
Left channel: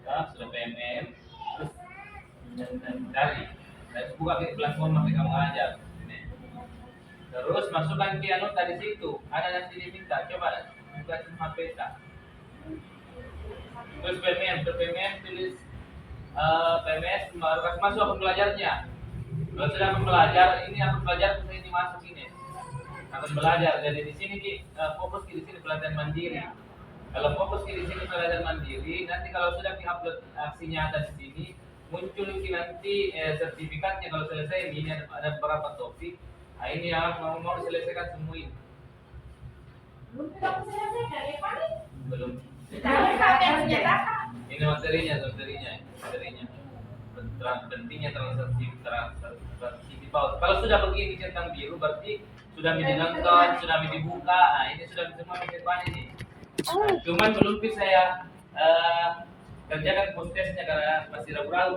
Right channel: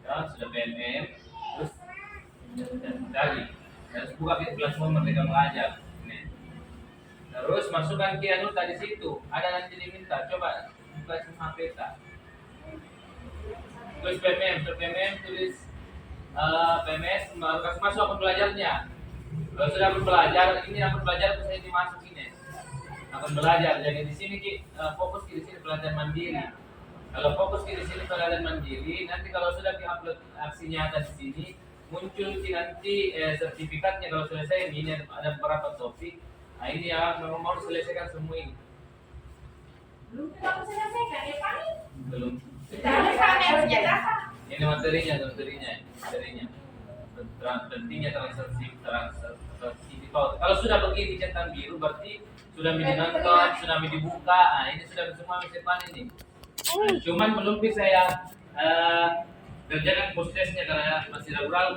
Ya, sudah PMM, terus cari. Terus buka platform mereka mengajar. Ini. Terus masukkan ke anu tadi situ. Ada nanti diminta, coba buka semua peta. Tulis PMM, tulis PMS, kasih masuk akun belajarnya. Kalau sudah akun belajar, ini akun belajar saya dimasuk ini. Akun belajar. Jadi di sini fokus di sini pelatihan mandiri. Kalau fokus di sini pelatihan mandiri, nanti kalau sudah di-upload aksi nyata di sini, muncul nanti sertifikatnya kalau selesai ini ada beberapa topik. Nah, ini ya mau diselesaikan semua ini. Belum selesai ya Pak? Belum. Kita Ini materinya. pentingnya transaksi di paut. Kalau sudah begini centang biru berarti sudah dinonton, sudah dibuka. Nah, ini sudah semua bisa ini. Cuman belum bisa saya kerjakan postesnya karena masih ragu-ragu.